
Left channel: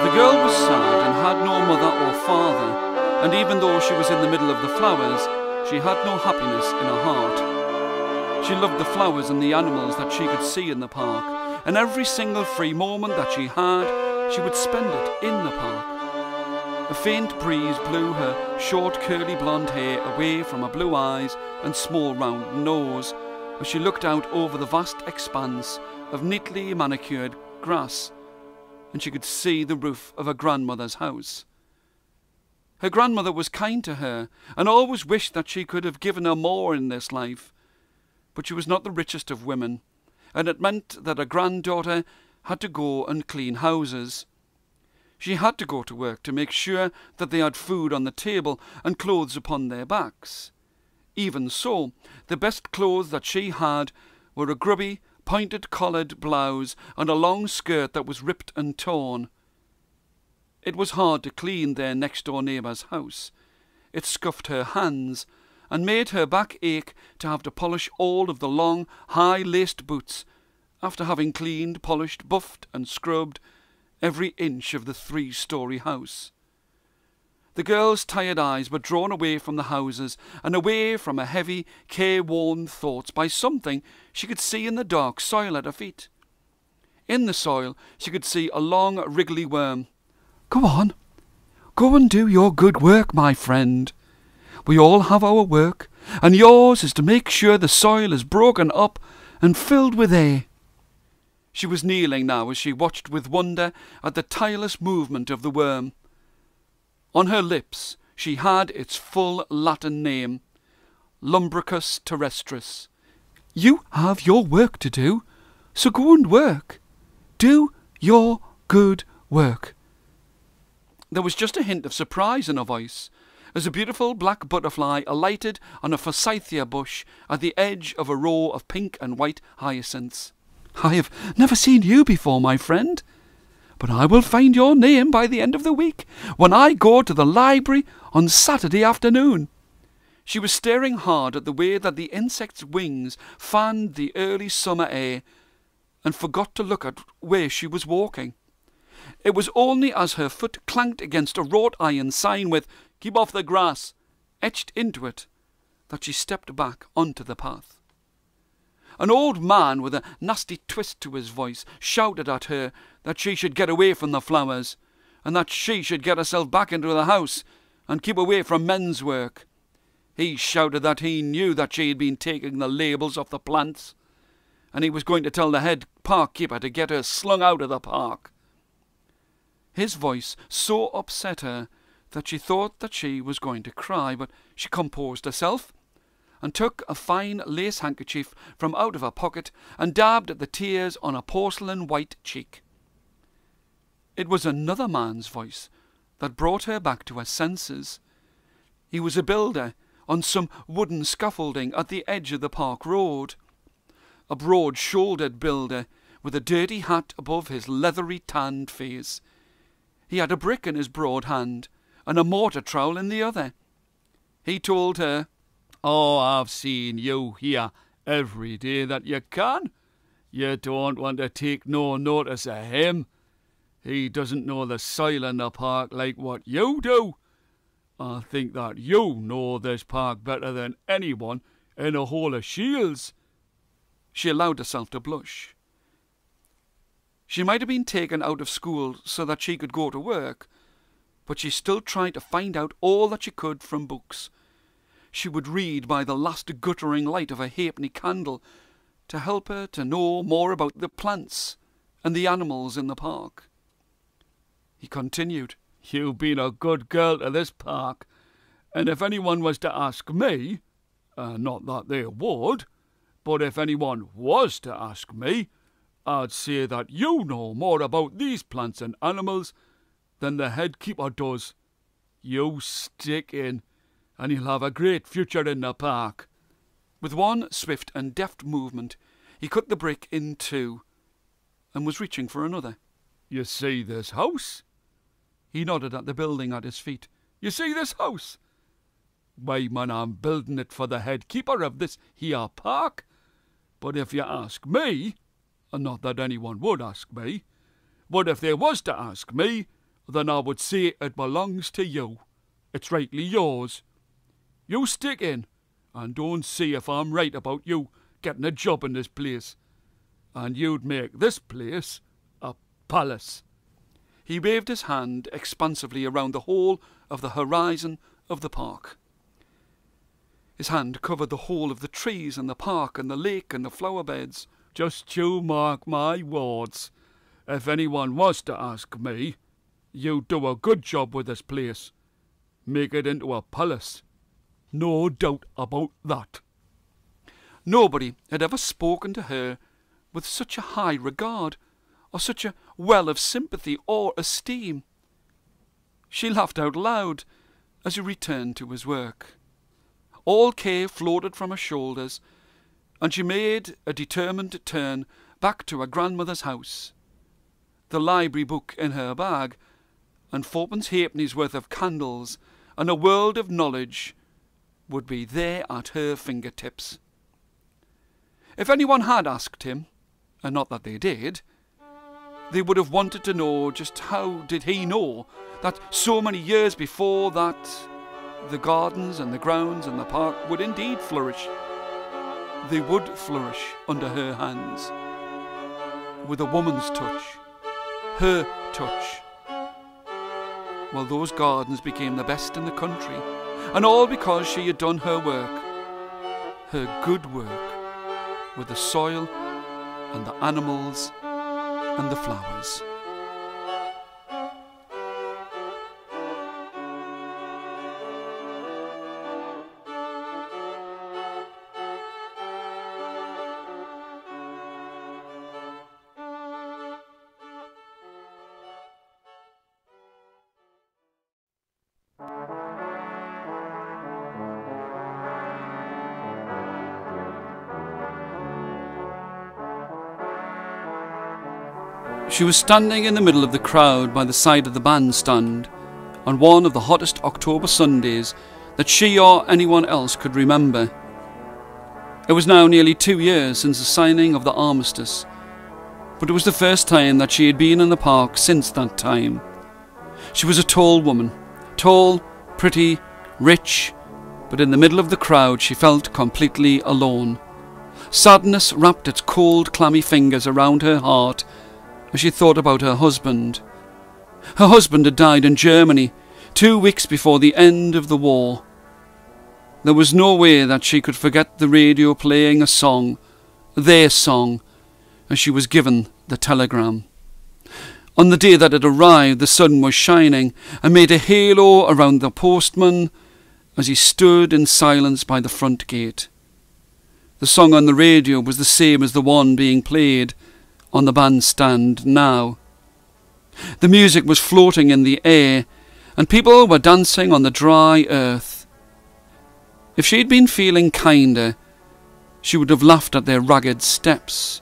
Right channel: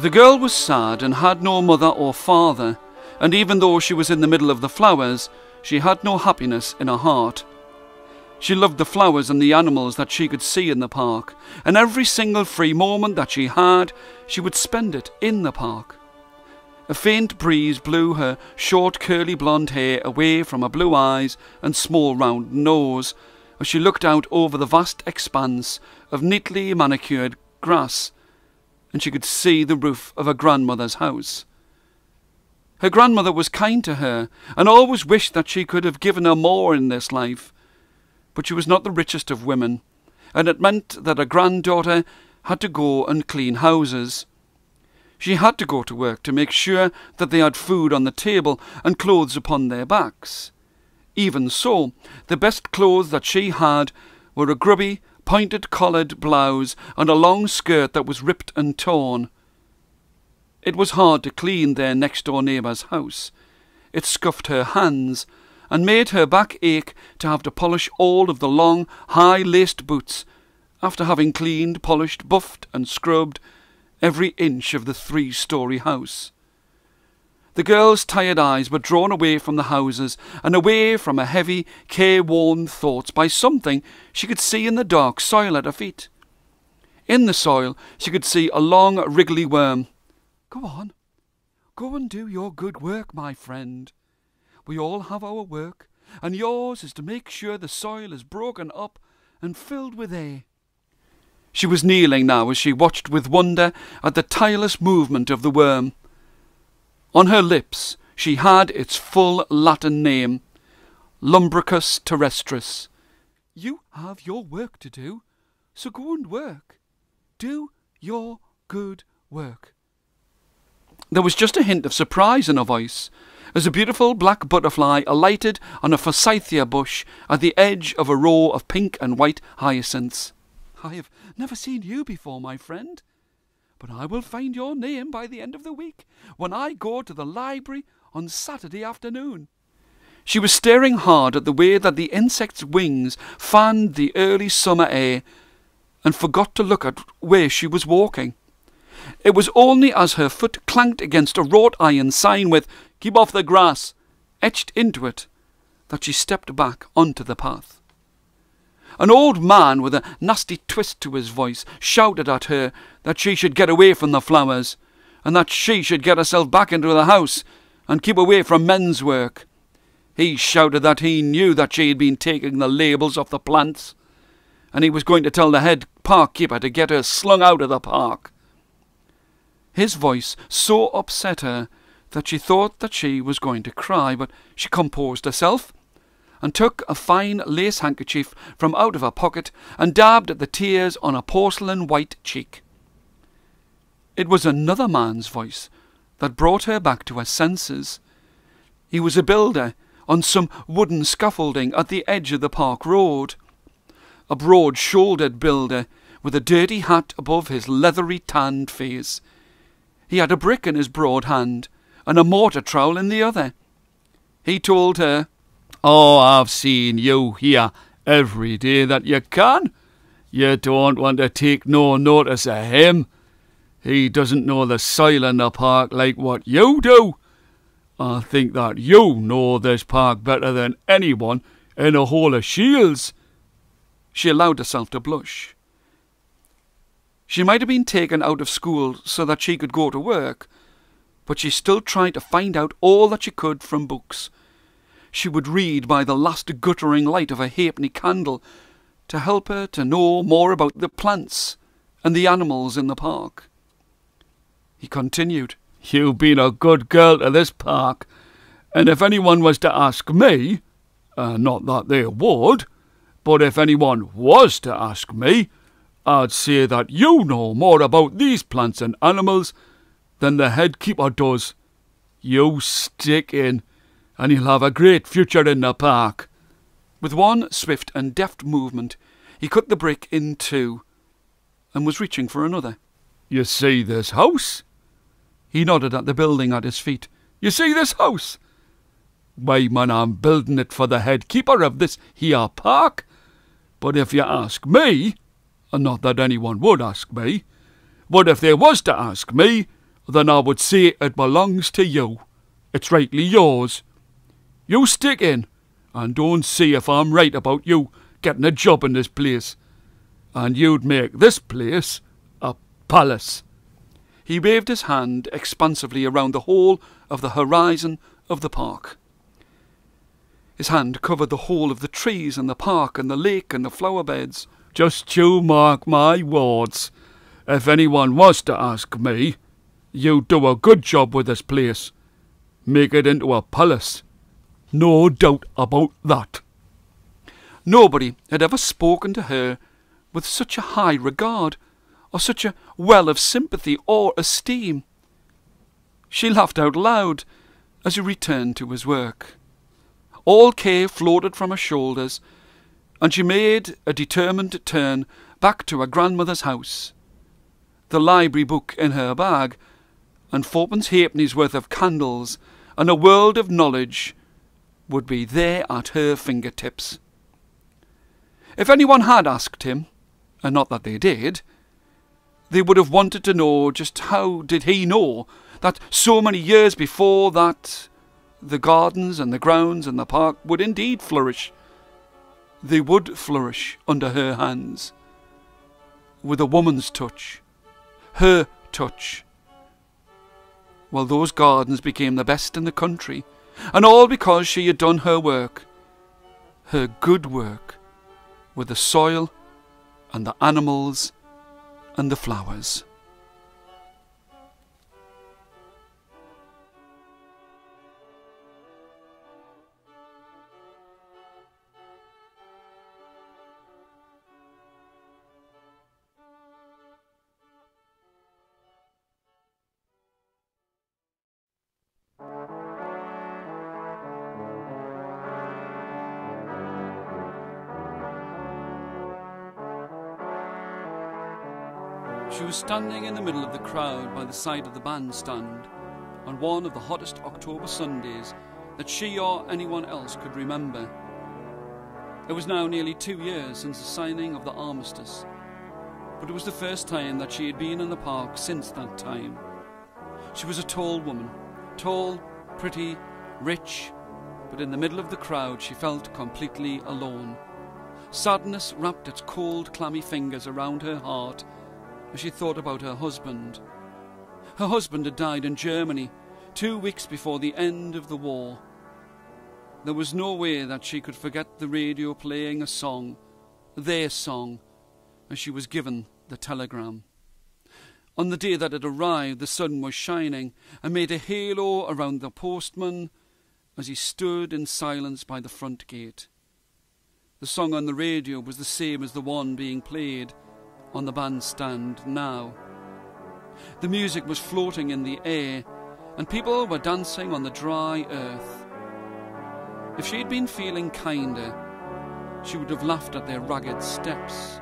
The girl was sad and had no mother or father, and even though she was in the middle of the flowers, she had no happiness in her heart. She loved the flowers and the animals that she could see in the park, and every single free moment that she had, she would spend it in the park. A faint breeze blew her short curly blonde hair away from her blue eyes and small round nose as she looked out over the vast expanse of neatly manicured grass, and she could see the roof of her grandmother's house. Her grandmother was kind to her and always wished that she could have given her more in this life, but she was not the richest of women, and it meant that her granddaughter had to go and clean houses. She had to go to work to make sure that they had food on the table and clothes upon their backs. Even so, the best clothes that she had were a grubby, pointed-collared blouse and a long skirt that was ripped and torn. It was hard to clean their next-door neighbour's house. It scuffed her hands and made her back ache to have to polish all of the long, high-laced boots after having cleaned, polished, buffed and scrubbed every inch of the 3-story house. The girl's tired eyes were drawn away from the houses and away from her heavy, careworn thoughts by something she could see in the dark soil at her feet. In the soil she could see a long, wriggly worm. "Go on. Go and do your good work, my friend. We all have our work, and yours is to make sure the soil is broken up and filled with air." She was kneeling now as she watched with wonder at the tireless movement of the worm. On her lips she had its full Latin name, Lumbricus terrestris. "You have your work to do, so go and work. Do your good work." There was just a hint of surprise in her voice as a beautiful black butterfly alighted on a forsythia bush at the edge of a row of pink and white hyacinths. "I have never seen you before, my friend, but I will find your name by the end of the week when I go to the library on Saturday afternoon." She was staring hard at the way that the insect's wings fanned the early summer air and forgot to look at where she was walking. It was only as her foot clanked against a wrought iron sign with "Keep off the grass" etched into it that she stepped back onto the path. An old man with a nasty twist to his voice shouted at her that she should get away from the flowers, and that she should get herself back into the house and keep away from men's work. He shouted that he knew that she had been taking the labels off the plants, and he was going to tell the head park keeper to get her slung out of the park. His voice so upset her that she thought that she was going to cry, but she composed herself and took a fine lace handkerchief from out of her pocket and dabbed at the tears on a porcelain white cheek. It was another man's voice that brought her back to her senses. He was a builder on some wooden scaffolding at the edge of the park road, a broad-shouldered builder with a dirty hat above his leathery tanned face. He had a brick in his broad hand and a mortar trowel in the other. He told her, "Oh, I've seen you here every day that you can. You don't want to take no notice of him. He doesn't know the soil in the park like what you do. I think that you know this park better than anyone in the whole of Shields." She allowed herself to blush. She might have been taken out of school so that she could go to work, but she still tried to find out all that she could from books. She would read by the last guttering light of a halfpenny candle to help her to know more about the plants and the animals in the park. He continued, "You've been a good girl to this park, and if anyone was to ask me, not that they would, but if anyone was to ask me, I'd say that you know more about these plants and animals than the head keeper does. You stick in, and you'll have a great future in the park." With one swift and deft movement, he cut the brick in two and was reaching for another. "You see this house?" He nodded at the building at his feet. "You see this house? Why, man, I'm building it for the head keeper of this here park. But if you ask me, and not that anyone would ask me, but if they was to ask me, then I would say it belongs to you. It's rightly yours. You stick in, and don't see if I'm right about you getting a job in this place. And you'd make this place a palace." He waved his hand expansively around the whole of the horizon of the park. His hand covered the whole of the trees and the park and the lake and the flower beds. "Just you mark my words. If anyone was to ask me, you'd do a good job with this place. Make it into a palace. No doubt about that." Nobody had ever spoken to her with such a high regard, or such a well of sympathy or esteem. She laughed out loud as he returned to his work. All care floated from her shoulders, and she made a determined turn back to her grandmother's house. The library book in her bag, and fourpence halfpenny's worth of candles, and a world of knowledge would be there at her fingertips. If anyone had asked him, and not that they did, They would have wanted to know just how did he know that so many years before that the gardens and the grounds and the park would indeed flourish. They would flourish under her hands, with a woman's touch, her touch. Well, those gardens became the best in the country, and all because she had done her work, her good work, with the soil and the animals and the flowers. She was standing in the middle of the crowd by the side of the bandstand on one of the hottest October Sundays that she or anyone else could remember. It was now nearly 2 years since the signing of the armistice, but it was the first time that she had been in the park since that time. She was a tall woman, tall, pretty, rich, but in the middle of the crowd she felt completely alone. Sadness wrapped its cold, clammy fingers around her heart as she thought about her husband. Her husband had died in Germany 2 weeks before the end of the war. There was no way that she could forget the radio playing a song, their song, as she was given the telegram. On the day that it arrived, the sun was shining and made a halo around the postman as he stood in silence by the front gate. The song on the radio was the same as the one being played on the bandstand now. The music was floating in the air, and people were dancing on the dry earth. If she'd been feeling kinder, she would have laughed at their ragged steps,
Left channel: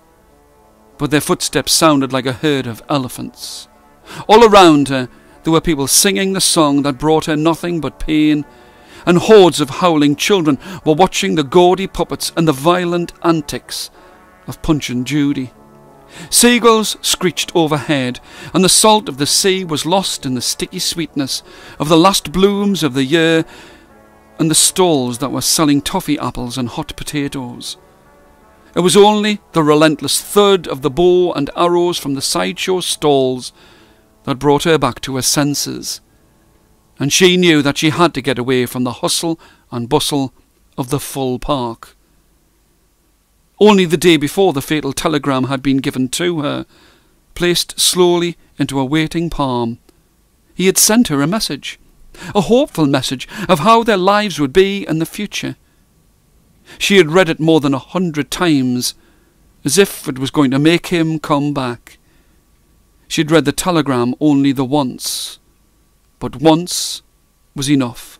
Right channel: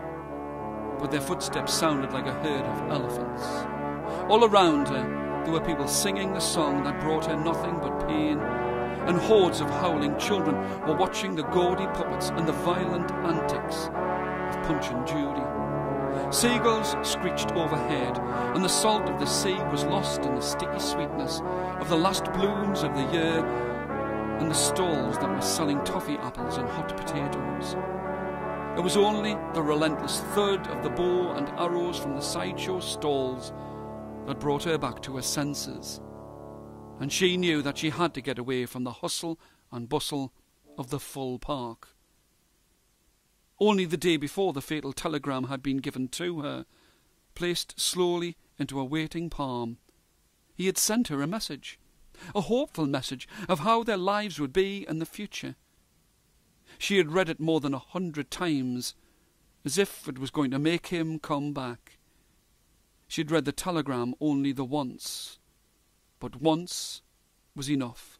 but their footsteps sounded like a herd of elephants. All around her, there were people singing the song that brought her nothing but pain, and hordes of howling children were watching the gaudy puppets and the violent antics of Punch and Judy. Seagulls screeched overhead, and the salt of the sea was lost in the sticky sweetness of the last blooms of the year and the stalls that were selling toffee apples and hot potatoes. It was only the relentless thud of the bow and arrows from the sideshow stalls that brought her back to her senses, and she knew that she had to get away from the hustle and bustle of the full park. Only the day before the fatal telegram had been given to her, placed slowly into a waiting palm. He had sent her a message, a hopeful message of how their lives would be in the future. She had read it more than 100 times, as if it was going to make him come back. She had read the telegram only the once, but once was enough.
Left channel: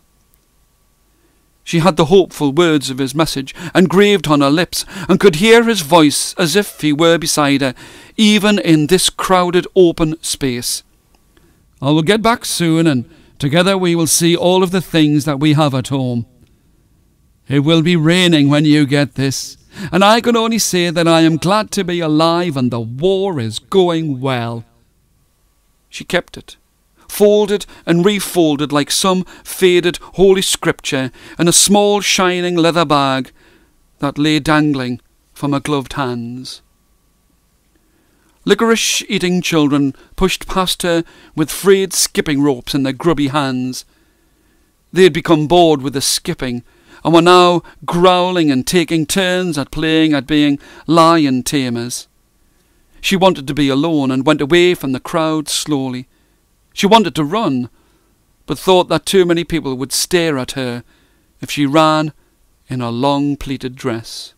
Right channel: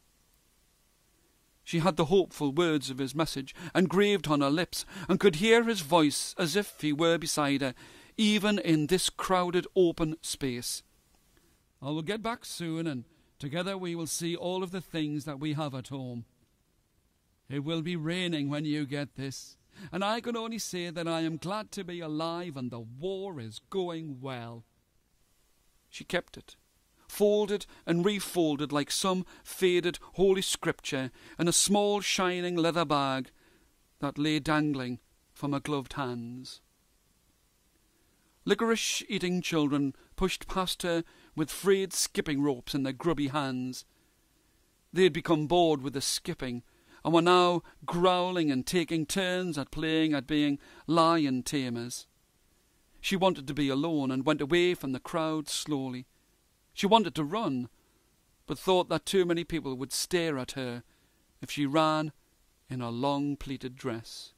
She had the hopeful words of his message engraved on her lips, and could hear his voice as if he were beside her, even in this crowded open space. "I will get back soon, and together we will see all of the things that we have at home. It will be raining when you get this, and I can only say that I am glad to be alive and the war is going well." She kept it, folded and refolded like some faded holy scripture, in a small shining leather bag that lay dangling from her gloved hands. Licorice-eating children pushed past her with frayed skipping ropes in their grubby hands. They had become bored with the skipping, and were now growling and taking turns at playing at being lion tamers. She wanted to be alone, and went away from the crowd slowly. She wanted to run, but thought that too many people would stare at her if she ran in her long pleated dress.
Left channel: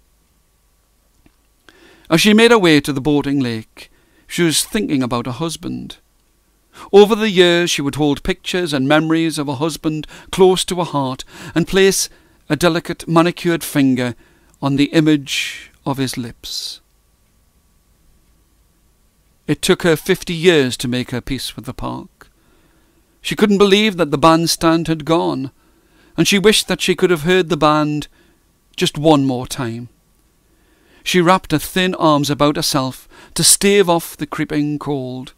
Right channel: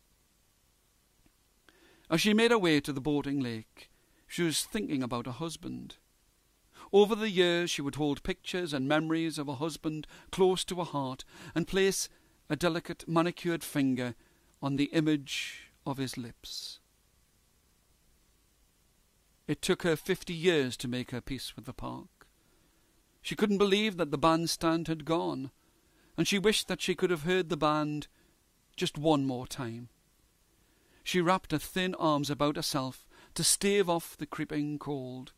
As she made her way to the boating lake, she was thinking about her husband. Over the years she would hold pictures and memories of her husband close to her heart, and place a delicate manicured finger on the image of his lips. It took her 50 years to make her peace with the park. She couldn't believe that the bandstand had gone, and she wished that she could have heard the band just one more time. She wrapped her thin arms about herself to stave off the creeping cold.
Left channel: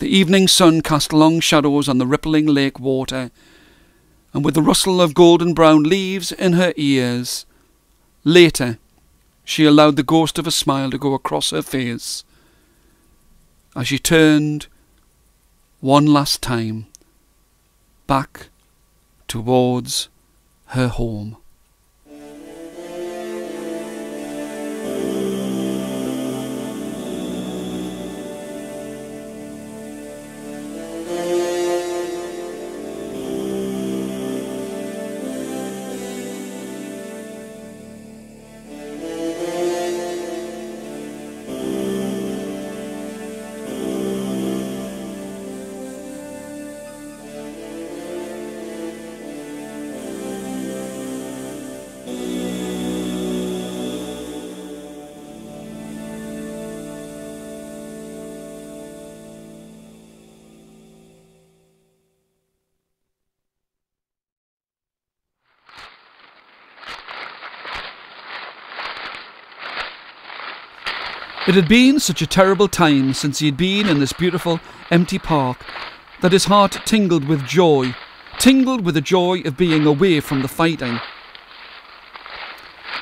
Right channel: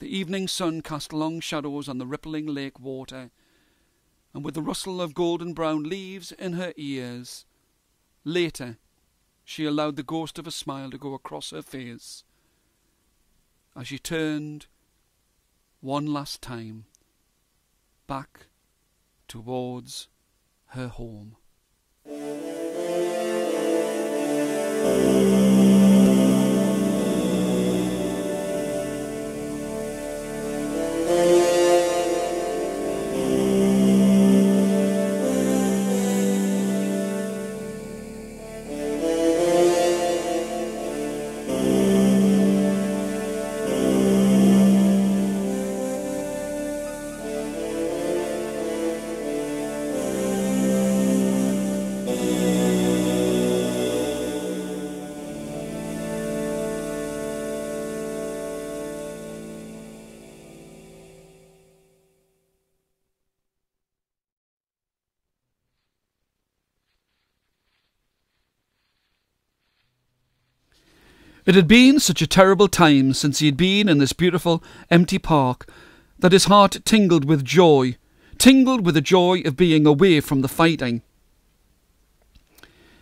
The evening sun cast long shadows on the rippling lake water, and with the rustle of golden-brown leaves in her ears, later she allowed the ghost of a smile to go across her face as she turned one last time back towards her home. It had been such a terrible time since he had been in this beautiful, empty park that his heart tingled with the joy of being away from the fighting.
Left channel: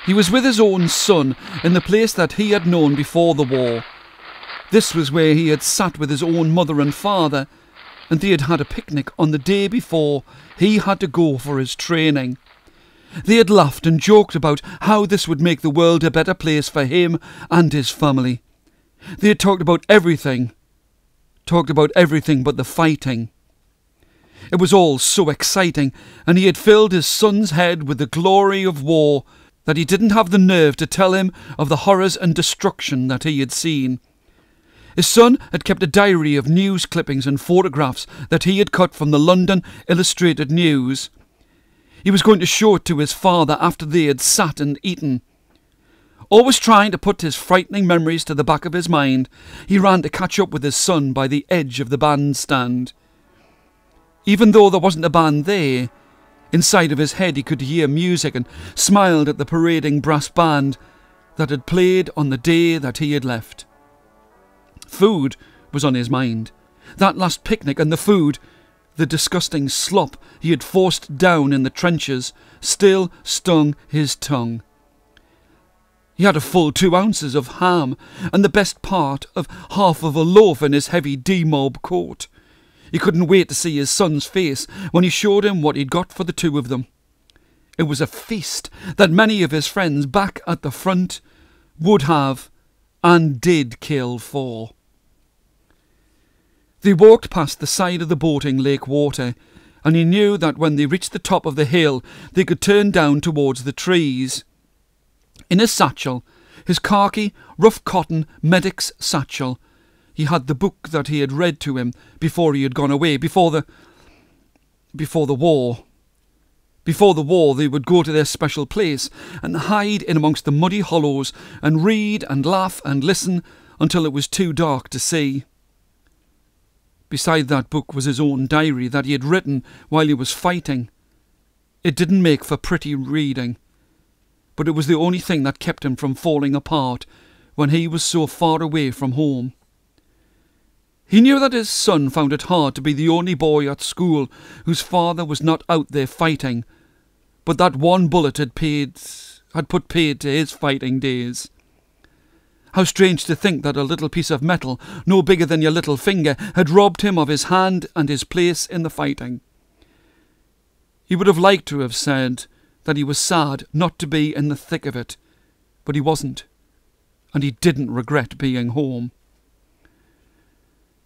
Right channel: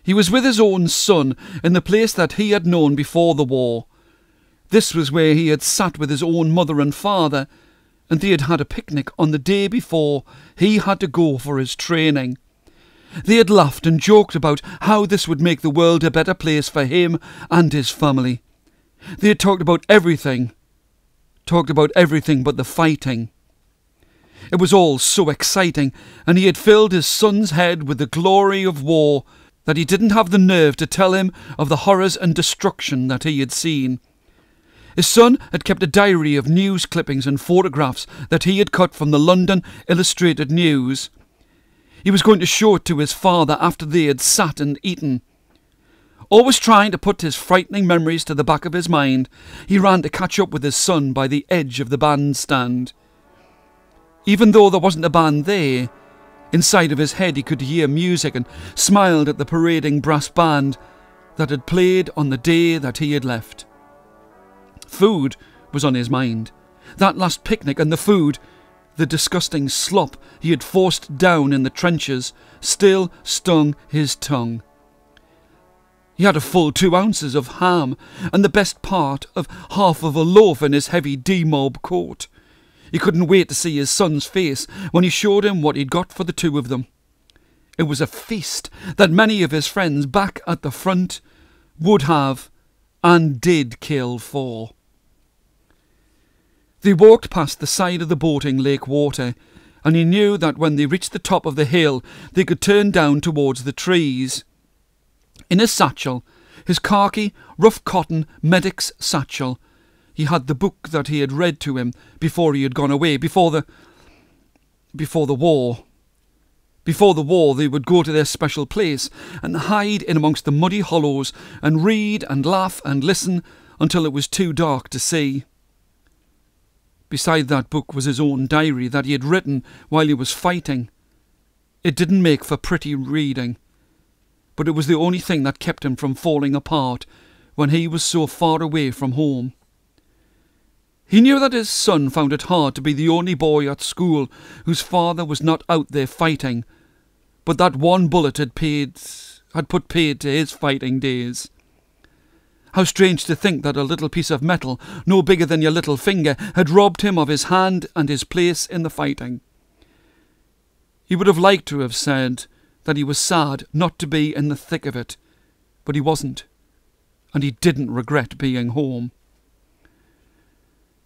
He was with his own son in the place that he had known before the war. This was where he had sat with his own mother and father, and they had had a picnic on the day before he had to go for his training. They had laughed and joked about how this would make the world a better place for him and his family. They had talked about everything but the fighting. It was all so exciting, and he had filled his son's head with the glory of war that he didn't have the nerve to tell him of the horrors and destruction that he had seen. His son had kept a diary of news clippings and photographs that he had cut from the London Illustrated News. He was going to show it to his father after they had sat and eaten. Always trying to put his frightening memories to the back of his mind, he ran to catch up with his son by the edge of the bandstand. Even though there wasn't a band there, inside of his head he could hear music and smiled at the parading brass band that had played on the day that he had left. Food was on his mind. That last picnic and the food, the disgusting slop he had forced down in the trenches, still stung his tongue. He had a full 2 ounces of ham and the best part of half of a loaf in his heavy D-mob coat. He couldn't wait to see his son's face when he showed him what he'd got for the two of them. It was a feast that many of his friends back at the front would have and did kill for. They walked past the side of the boating lake water, and he knew that when they reached the top of the hill they could turn down towards the trees. In his satchel, his khaki, rough cotton medic's satchel, he had the book that he had read to him before he had gone away, before the war. Before the war they would go to their special place and hide in amongst the muddy hollows and read and laugh and listen until it was too dark to see. Beside that book was his own diary that he had written while he was fighting. It didn't make for pretty reading, but it was the only thing that kept him from falling apart when he was so far away from home. He knew that his son found it hard to be the only boy at school whose father was not out there fighting, but that one bullet had put paid to his fighting days. How strange to think that a little piece of metal, no bigger than your little finger, had robbed him of his hand and his place in the fighting. He would have liked to have said that he was sad not to be in the thick of it, but he wasn't, and he didn't regret being home.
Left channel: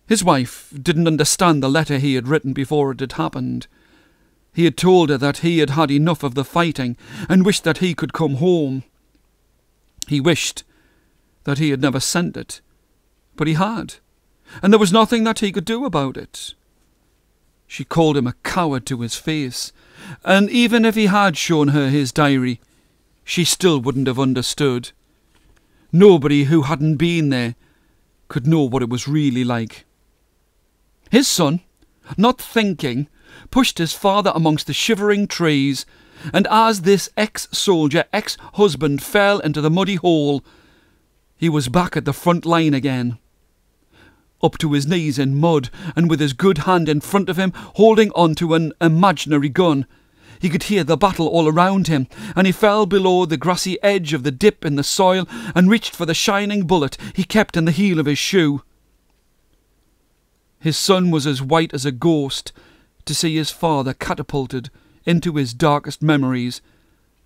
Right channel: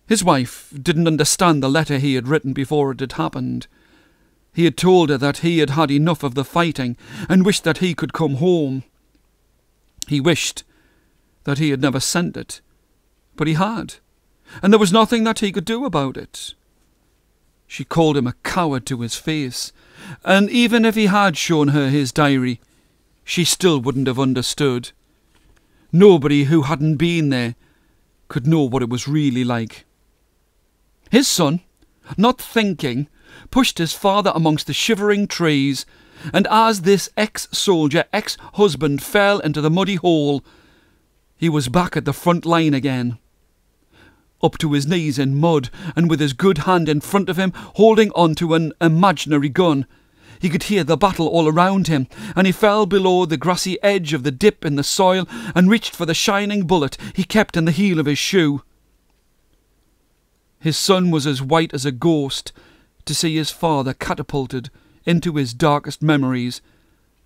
His wife didn't understand the letter he had written before it had happened. He had told her that he had had enough of the fighting and wished that he could come home. He wished that he had never sent it, but he had, and there was nothing that he could do about it. She called him a coward to his face, and even if he had shown her his diary, she still wouldn't have understood. Nobody who hadn't been there could know what it was really like. His son, not thinking, pushed his father amongst the shivering trees, and as this ex-soldier, ex-husband fell into the muddy hole, He was back at the front line again, up to his knees in mud, and with his good hand in front of him, holding on to an imaginary gun. He could hear the battle all around him, and he fell below the grassy edge of the dip in the soil and reached for the shining bullet he kept in the heel of his shoe. His son was as white as a ghost to see his father catapulted into his darkest memories,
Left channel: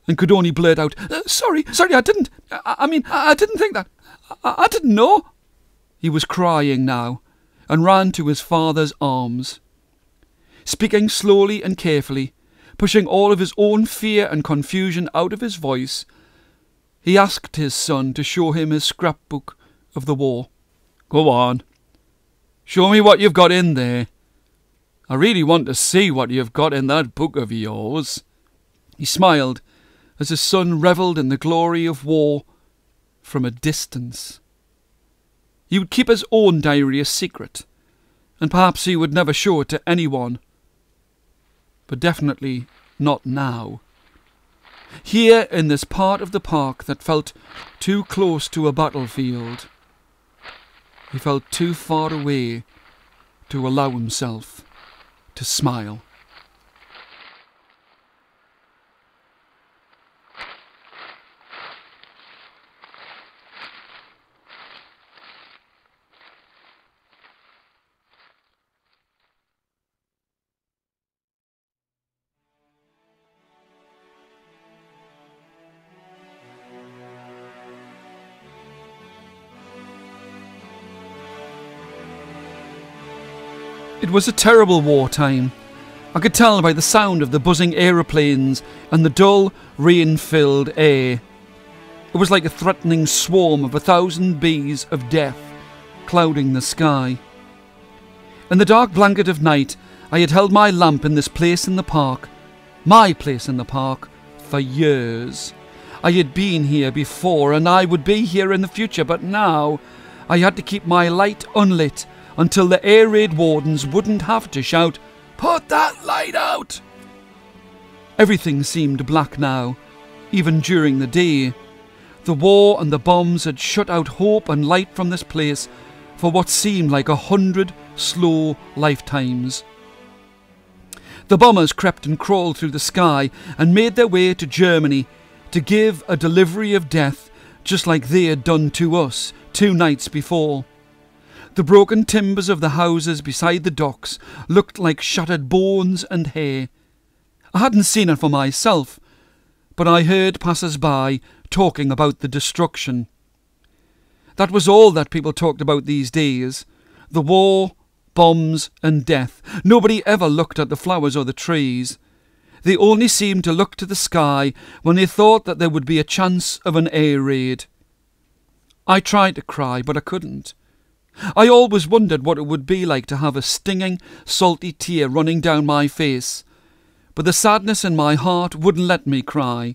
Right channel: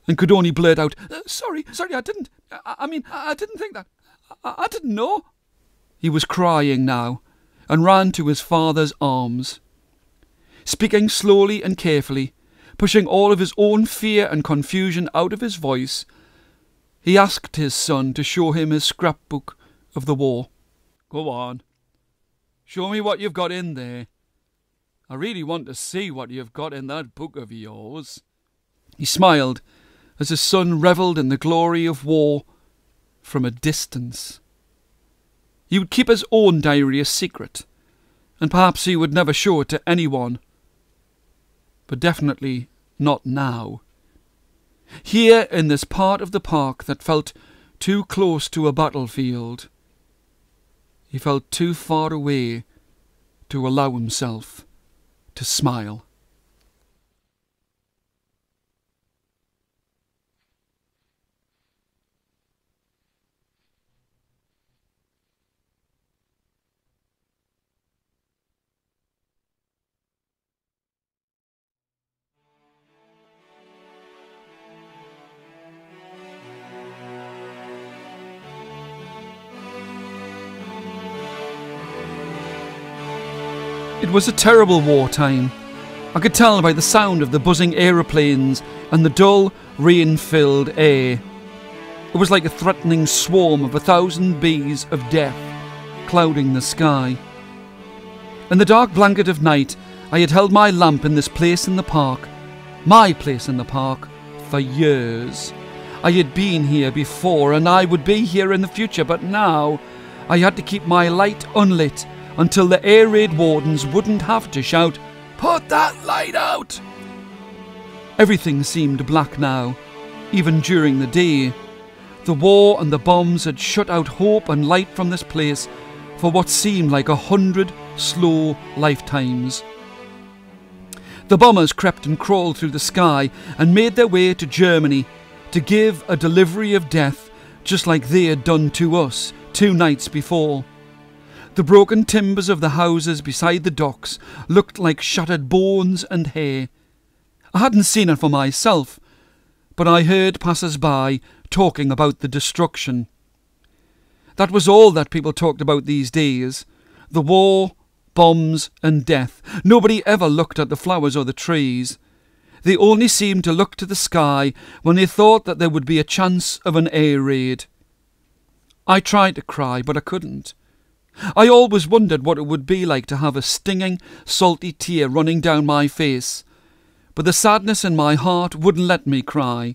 and could only blurt out, Sorry, I didn't think that. I didn't know." He was crying now, and ran to his father's arms. Speaking slowly and carefully, pushing all of his own fear and confusion out of his voice, he asked his son to show him his scrapbook of the war. "Go on. Show me what you've got in there. I really want to see what you've got in that book of yours." He smiled as his son revelled in the glory of war from a distance. He would keep his own diary a secret, and perhaps he would never show it to anyone. But definitely not now. Here in this part of the park that felt too close to a battlefield, he felt too far away to allow himself to smile. It was a terrible wartime. I could tell by the sound of the buzzing aeroplanes and the dull, rain-filled air. It was like a threatening swarm of 1,000 bees of death clouding the sky. In the dark blanket of night, I had held my lamp in this place in the park, my place in the park, for years. I had been here before, and I would be here in the future, but now I had to keep my light unlit until the air raid wardens wouldn't have to shout, "Put that light out!" Everything seemed black now, even during the day. The war and the bombs had shut out hope and light from this place for what seemed like 100 slow lifetimes. The bombers crept and crawled through the sky and made their way to Germany to give a delivery of death just like they had done to us 2 nights before. The broken timbers of the houses beside the docks looked like shattered bones and hair. I hadn't seen it for myself, but I heard passers-by talking about the destruction. That was all that people talked about these days. The war, bombs and death. Nobody ever looked at the flowers or the trees. They only seemed to look to the sky when they thought that there would be a chance of an air raid. I tried to cry, but I couldn't. I always wondered what it would be like to have a stinging, salty tear running down my face, but the sadness in my heart wouldn't let me cry.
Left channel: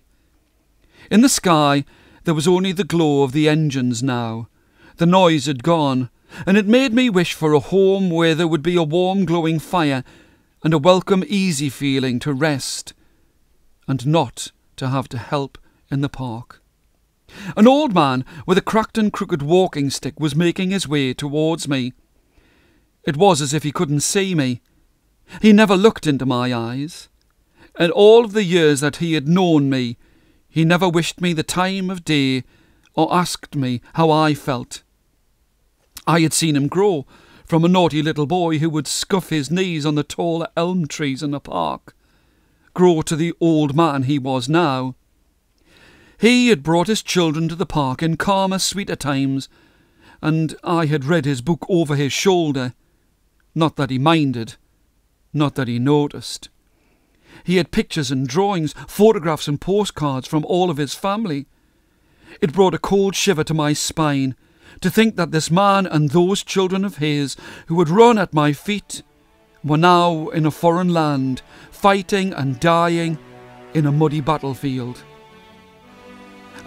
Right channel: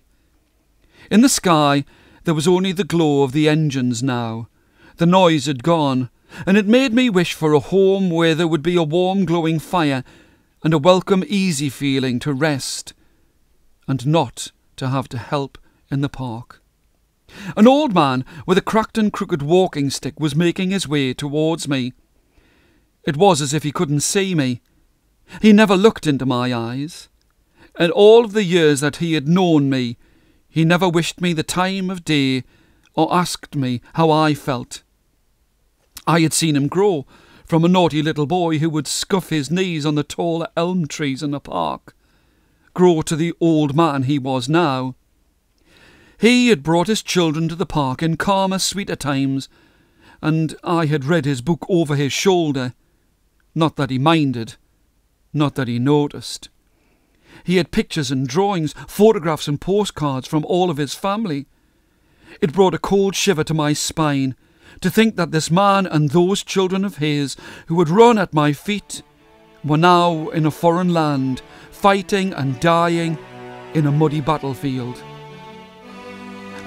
In the sky there was only the glow of the engines now. The noise had gone, and it made me wish for a home where there would be a warm glowing fire and a welcome easy feeling to rest, and not to have to help in the park. An old man with a cracked and crooked walking stick was making his way towards me. It was as if he couldn't see me. He never looked into my eyes. In all of the years that he had known me, he never wished me the time of day or asked me how I felt. I had seen him grow from a naughty little boy who would scuff his knees on the tall elm trees in the park, grow to the old man he was now. He had brought his children to the park in calmer, sweeter times, and I had read his book over his shoulder. Not that he minded, not that he noticed. He had pictures and drawings, photographs and postcards from all of his family. It brought a cold shiver to my spine to think that this man and those children of his who had run at my feet were now in a foreign land, fighting and dying in a muddy battlefield.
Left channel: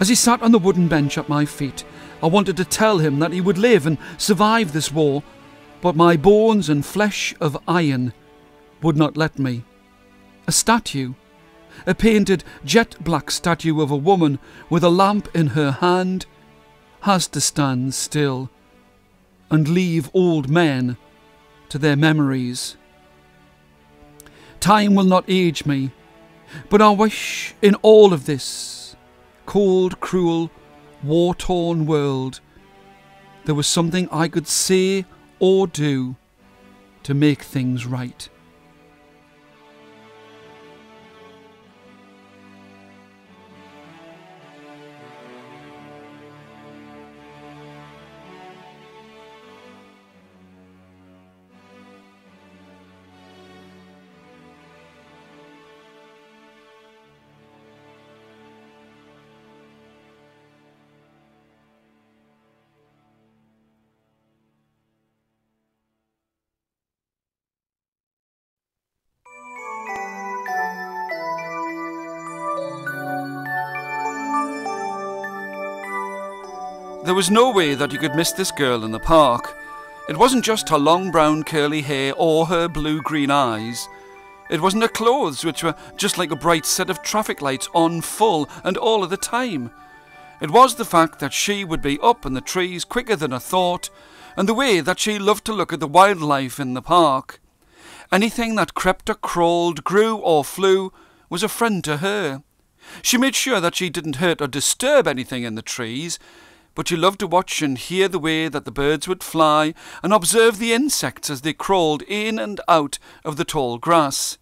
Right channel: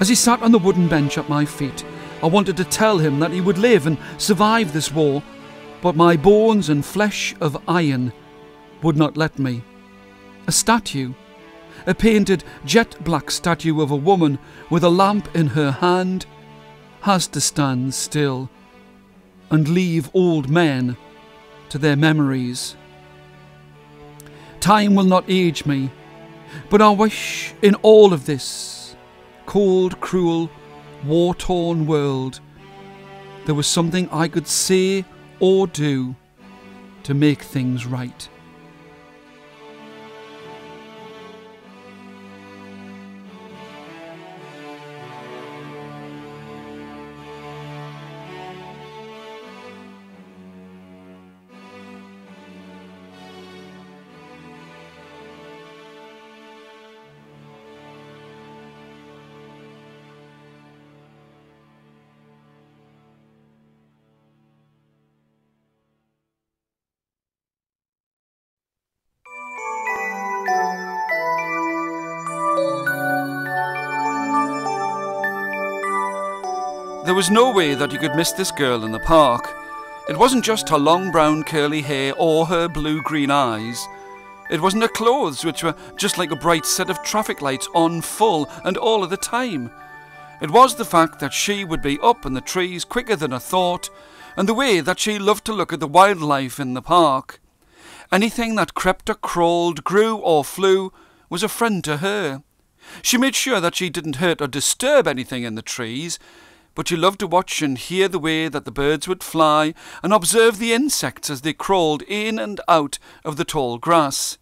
As he sat on the wooden bench at my feet, I wanted to tell him that he would live and survive this war, but my bones and flesh of iron would not let me. A statue, a painted jet-black statue of a woman with a lamp in her hand, has to stand still and leave old men to their memories. Time will not age me, but I wish in all of this cold, cruel, war-torn world there was something I could say or do to make things right. There was no way that you could miss this girl in the park. It wasn't just her long brown curly hair or her blue-green eyes. It wasn't her clothes, which were just like a bright set of traffic lights on full and all of the time. It was the fact that she would be up in the trees quicker than a thought, and the way that she loved to look at the wildlife in the park. Anything that crept or crawled, grew or flew was a friend to her. She made sure that she didn't hurt or disturb anything in the trees, but she loved to watch and hear the way that the birds would fly and observe the insects as they crawled in and out of the tall grass.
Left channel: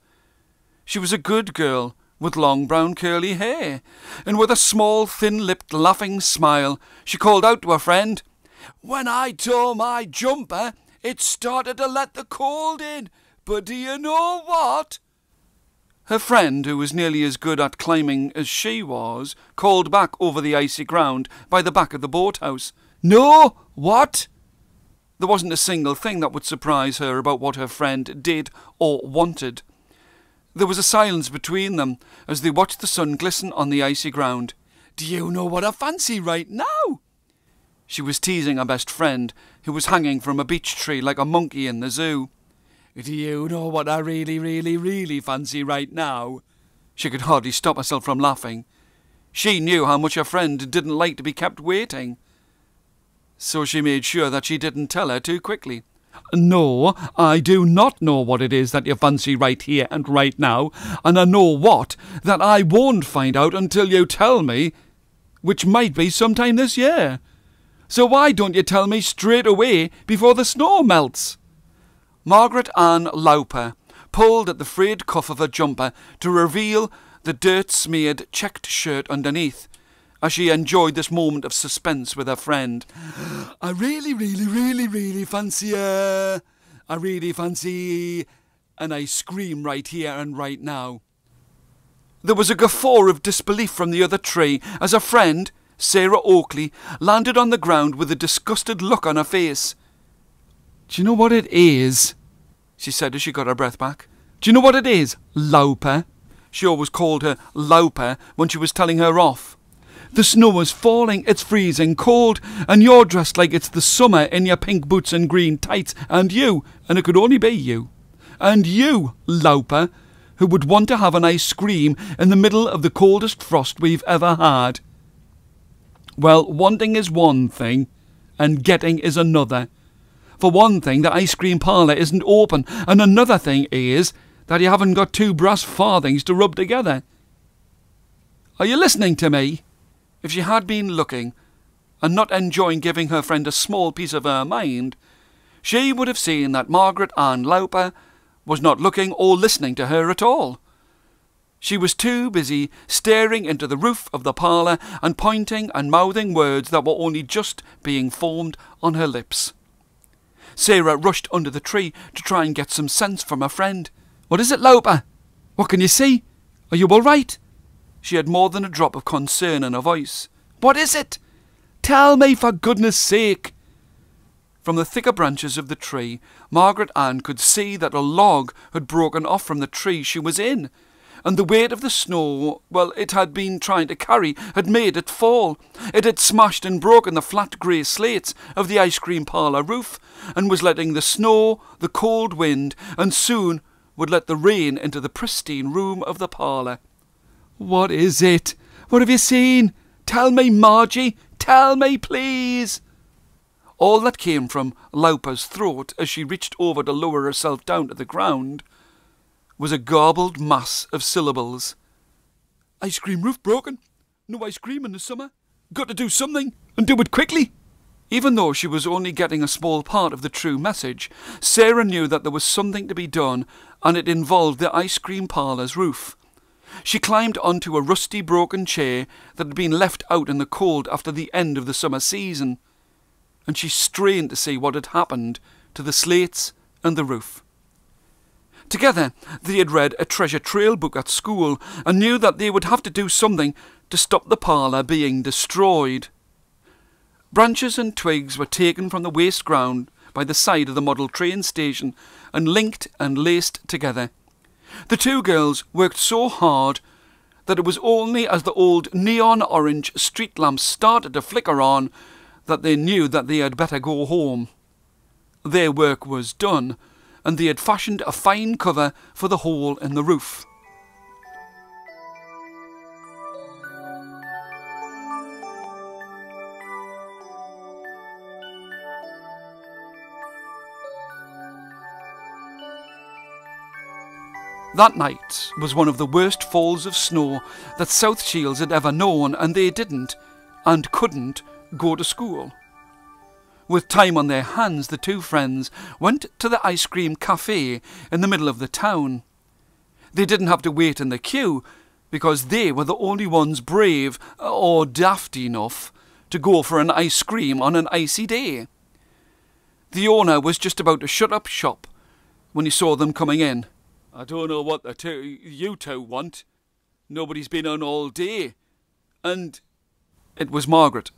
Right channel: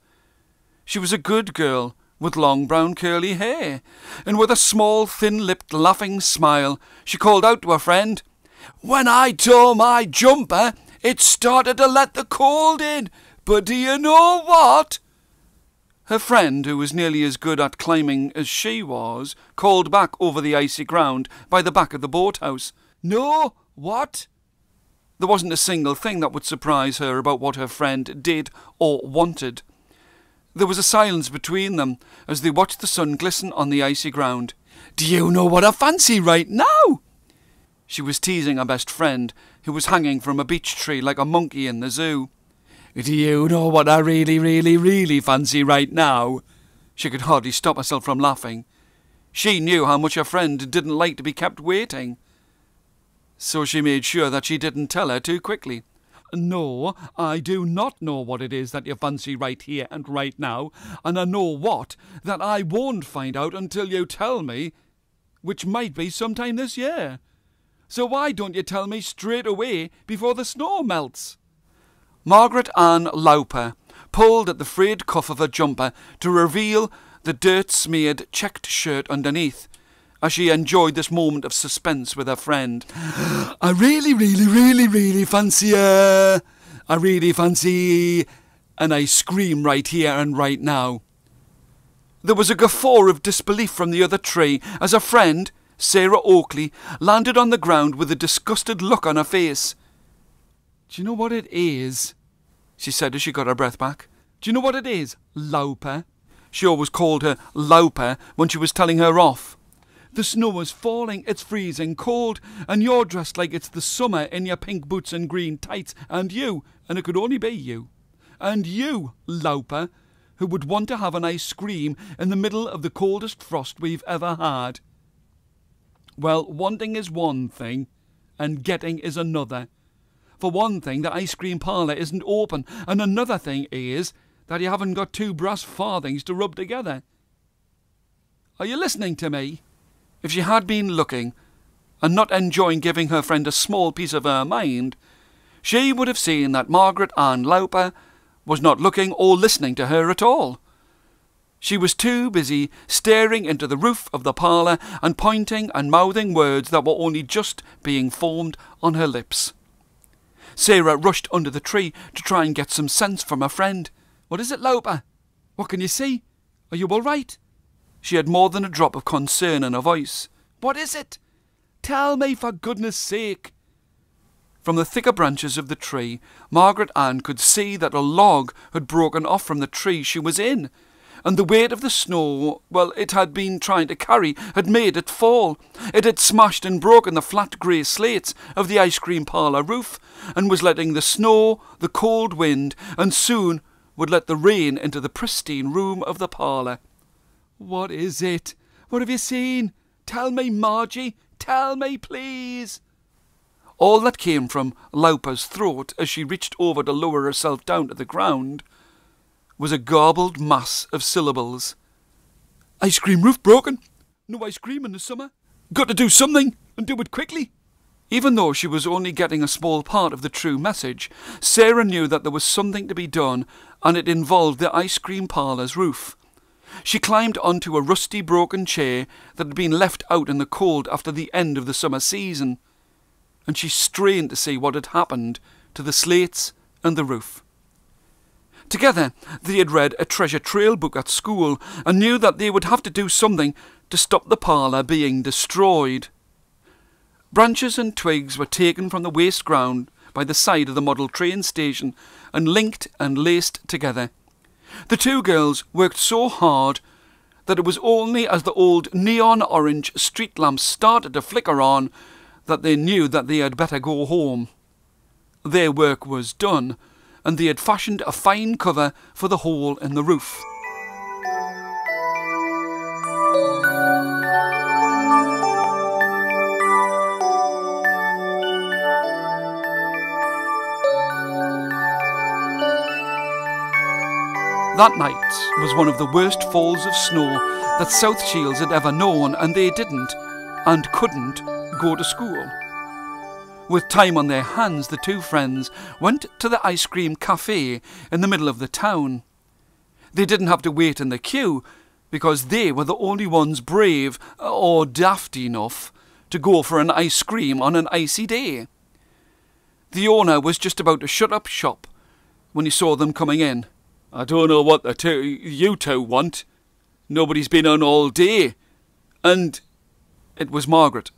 She was a good girl with long brown curly hair, and with a small thin-lipped laughing smile she called out to her friend, "When I tore my jumper, it started to let the cold in, but do you know what?" Her friend, who was nearly as good at climbing as she was, called back over the icy ground by the back of the boathouse, "No, what?" There wasn't a single thing that would surprise her about what her friend did or wanted. There was a silence between them as they watched the sun glisten on the icy ground. "Do you know what I fancy right now?" She was teasing her best friend, who was hanging from a beech tree like a monkey in the zoo. "Do you know what I really fancy right now?" She could hardly stop herself from laughing. She knew how much her friend didn't like to be kept waiting, so she made sure that she didn't tell her too quickly. "No, I do not know what it is that you fancy right here and right now, and I know what that I won't find out until you tell me, which might be sometime this year. So why don't you tell me straight away before the snow melts?" Margaret Ann Lauper pulled at the frayed cuff of her jumper to reveal the dirt-smeared checked shirt underneath, as she enjoyed this moment of suspense with her friend. "I really fancy I really fancy an ice cream right here and right now." There was a guffaw of disbelief from the other tree as her friend, Sarah Oakley, landed on the ground with a disgusted look on her face. "Do you know what it is?" she said as she got her breath back. "Do you know what it is, Lauper?" She always called her Lauper when she was telling her off. "The snow is falling, it's freezing cold, and you're dressed like it's the summer in your pink boots and green tights, and it could only be you, and you, Lauper, who would want to have an ice cream in the middle of the coldest frost we've ever had. Well, wanting is one thing, and getting is another. For one thing, the ice cream parlour isn't open, and another thing is that you haven't got 2 brass farthings to rub together. Are you listening to me?" If she had been looking, and not enjoying giving her friend a small piece of her mind, she would have seen that Margaret Ann Lauper was not looking or listening to her at all. She was too busy staring into the roof of the parlour and pointing and mouthing words that were only just being formed on her lips. Sarah rushed under the tree to try and get some sense from her friend. "What is it, Lauper? What can you see? Are you all right?" She had more than a drop of concern in her voice. "What is it? Tell me, for goodness sake." From the thicker branches of the tree, Margaret Ann could see that a log had broken off from the tree she was in, and the weight of the snow, it had been trying to carry, had made it fall. It had smashed and broken the flat grey slates of the ice cream parlour roof, and was letting the snow, the cold wind, and soon would let the rain into the pristine room of the parlour. "What is it? What have you seen? Tell me, Margie, tell me, please." All that came from Laupa's throat as she reached over to lower herself down to the ground was a garbled mass of syllables. "Ice cream roof broken. No ice cream in the summer. Got to do something, and do it quickly." Even though she was only getting a small part of the true message, Sarah knew that there was something to be done, and it involved the ice cream parlour's roof. She climbed onto a rusty broken chair that had been left out in the cold after the end of the summer season, and she strained to see what had happened to the slates and the roof. Together they had read a treasure trail book at school and knew that they would have to do something to stop the parlour being destroyed. Branches and twigs were taken from the waste ground by the side of the model train station and linked and laced together. The two girls worked so hard that it was only as the old neon orange street lamps started to flicker on that they knew that they had better go home. Their work was done, and they had fashioned a fine cover for the hole in the roof. That night was one of the worst falls of snow that South Shields had ever known, and they didn't and couldn't go to school. With time on their hands, the two friends went to the ice cream cafe in the middle of the town. They didn't have to wait in the queue because they were the only ones brave or daft enough to go for an ice cream on an icy day. The owner was just about to shut up shop when he saw them coming in. "I don't know what you two want. Nobody's been on all day." And it was Margaret,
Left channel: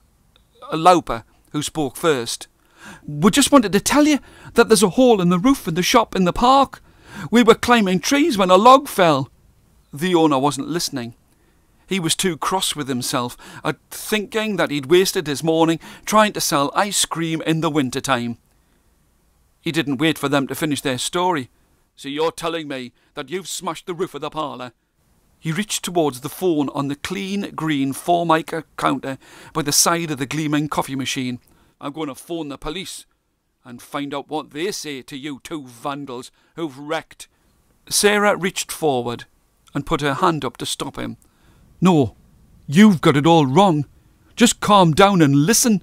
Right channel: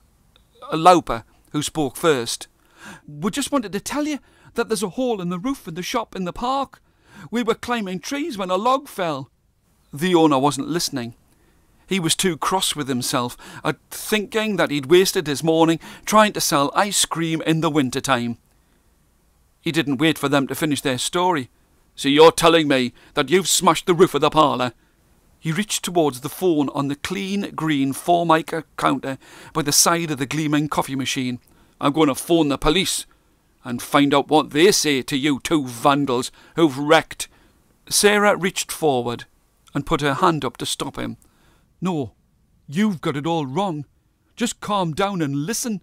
Laupa, who spoke first. "We just wanted to tell you that there's a hole in the roof in the shop in the park. We were climbing trees when a log fell." The owner wasn't listening. He was too cross with himself at thinking that he'd wasted his morning trying to sell ice cream in the winter time. He didn't wait for them to finish their story. "So you're telling me that you've smashed the roof of the parlour?" He reached towards the phone on the clean green Formica counter by the side of the gleaming coffee machine. "I'm going to phone the police and find out what they say to you two vandals who've wrecked." Sarah reached forward and put her hand up to stop him. "No, you've got it all wrong. Just calm down and listen."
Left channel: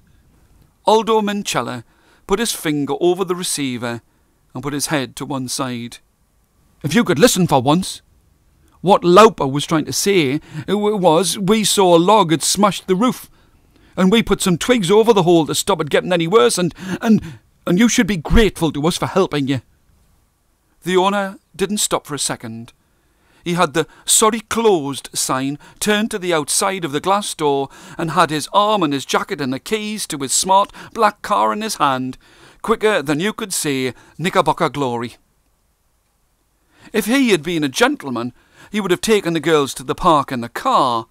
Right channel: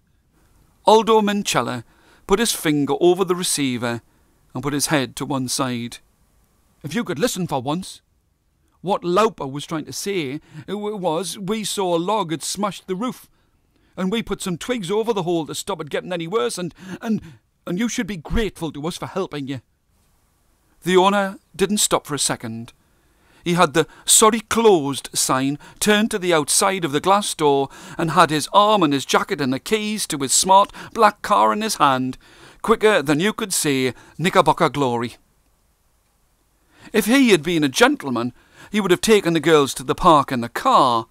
Aldo Minchella put his finger over the receiver and put his head to one side. "If you could listen for once. What Laupa was trying to say was we saw a log had smashed the roof, and we put some twigs over the hole to stop it getting any worse, and you should be grateful to us for helping you." The owner didn't stop for a second. He had the "Sorry Closed" sign turned to the outside of the glass door and had his arm and his jacket and the keys to his smart black car in his hand, quicker than you could say Knickerbocker Glory. If he had been a gentleman, he would have taken the girls to the park in the car,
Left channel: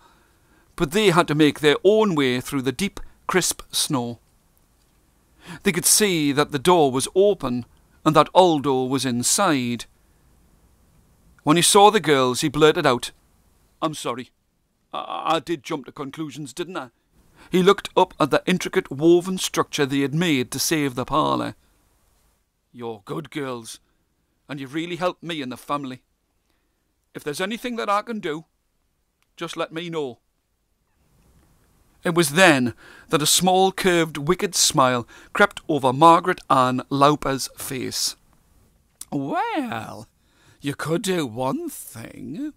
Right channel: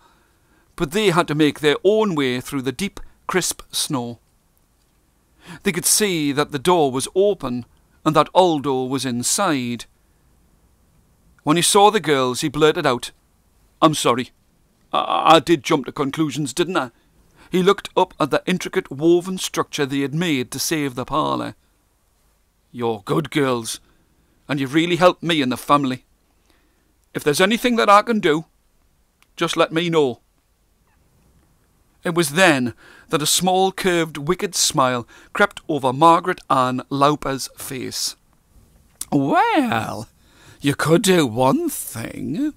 but they had to make their own way through the deep, crisp snow. They could see that the door was open and that Aldo was inside. When he saw the girls, he blurted out, "I'm sorry. I did jump to conclusions, didn't I?" He looked up at the intricate woven structure they had made to save the parlour. "You're good girls, and you've really helped me and the family. If there's anything that I can do, just let me know." It was then that a small, curved, wicked smile crept over Margaret Ann Laupa's face. "Well, you could do one thing.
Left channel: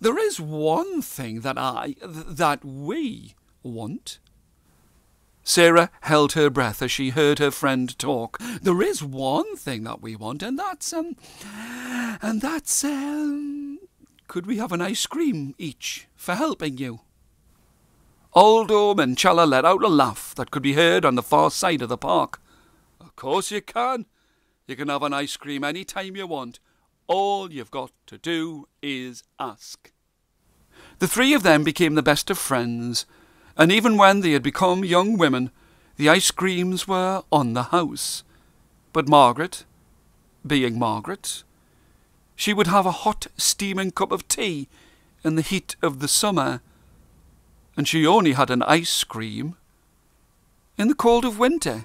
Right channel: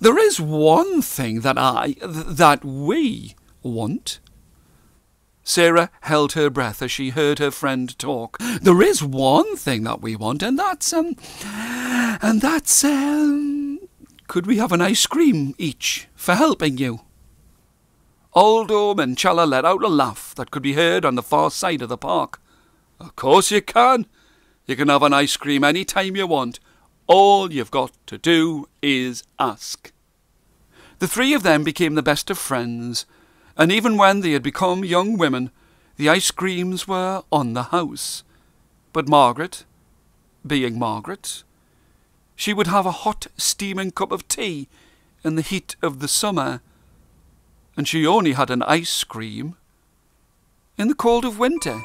There is one thing that we want." Sarah held her breath as she heard her friend talk. "There is one thing that we want, and that's could we have an ice cream each for helping you?" Aldo Minchella let out a laugh that could be heard on the far side of the park. "Of course you can. You can have an ice cream any time you want. All you've got to do is ask." The three of them became the best of friends, and even when they had become young women, the ice creams were on the house. But Margaret, being Margaret, she would have a hot, steaming cup of tea in the heat of the summer, and she only had an ice cream in the cold of winter.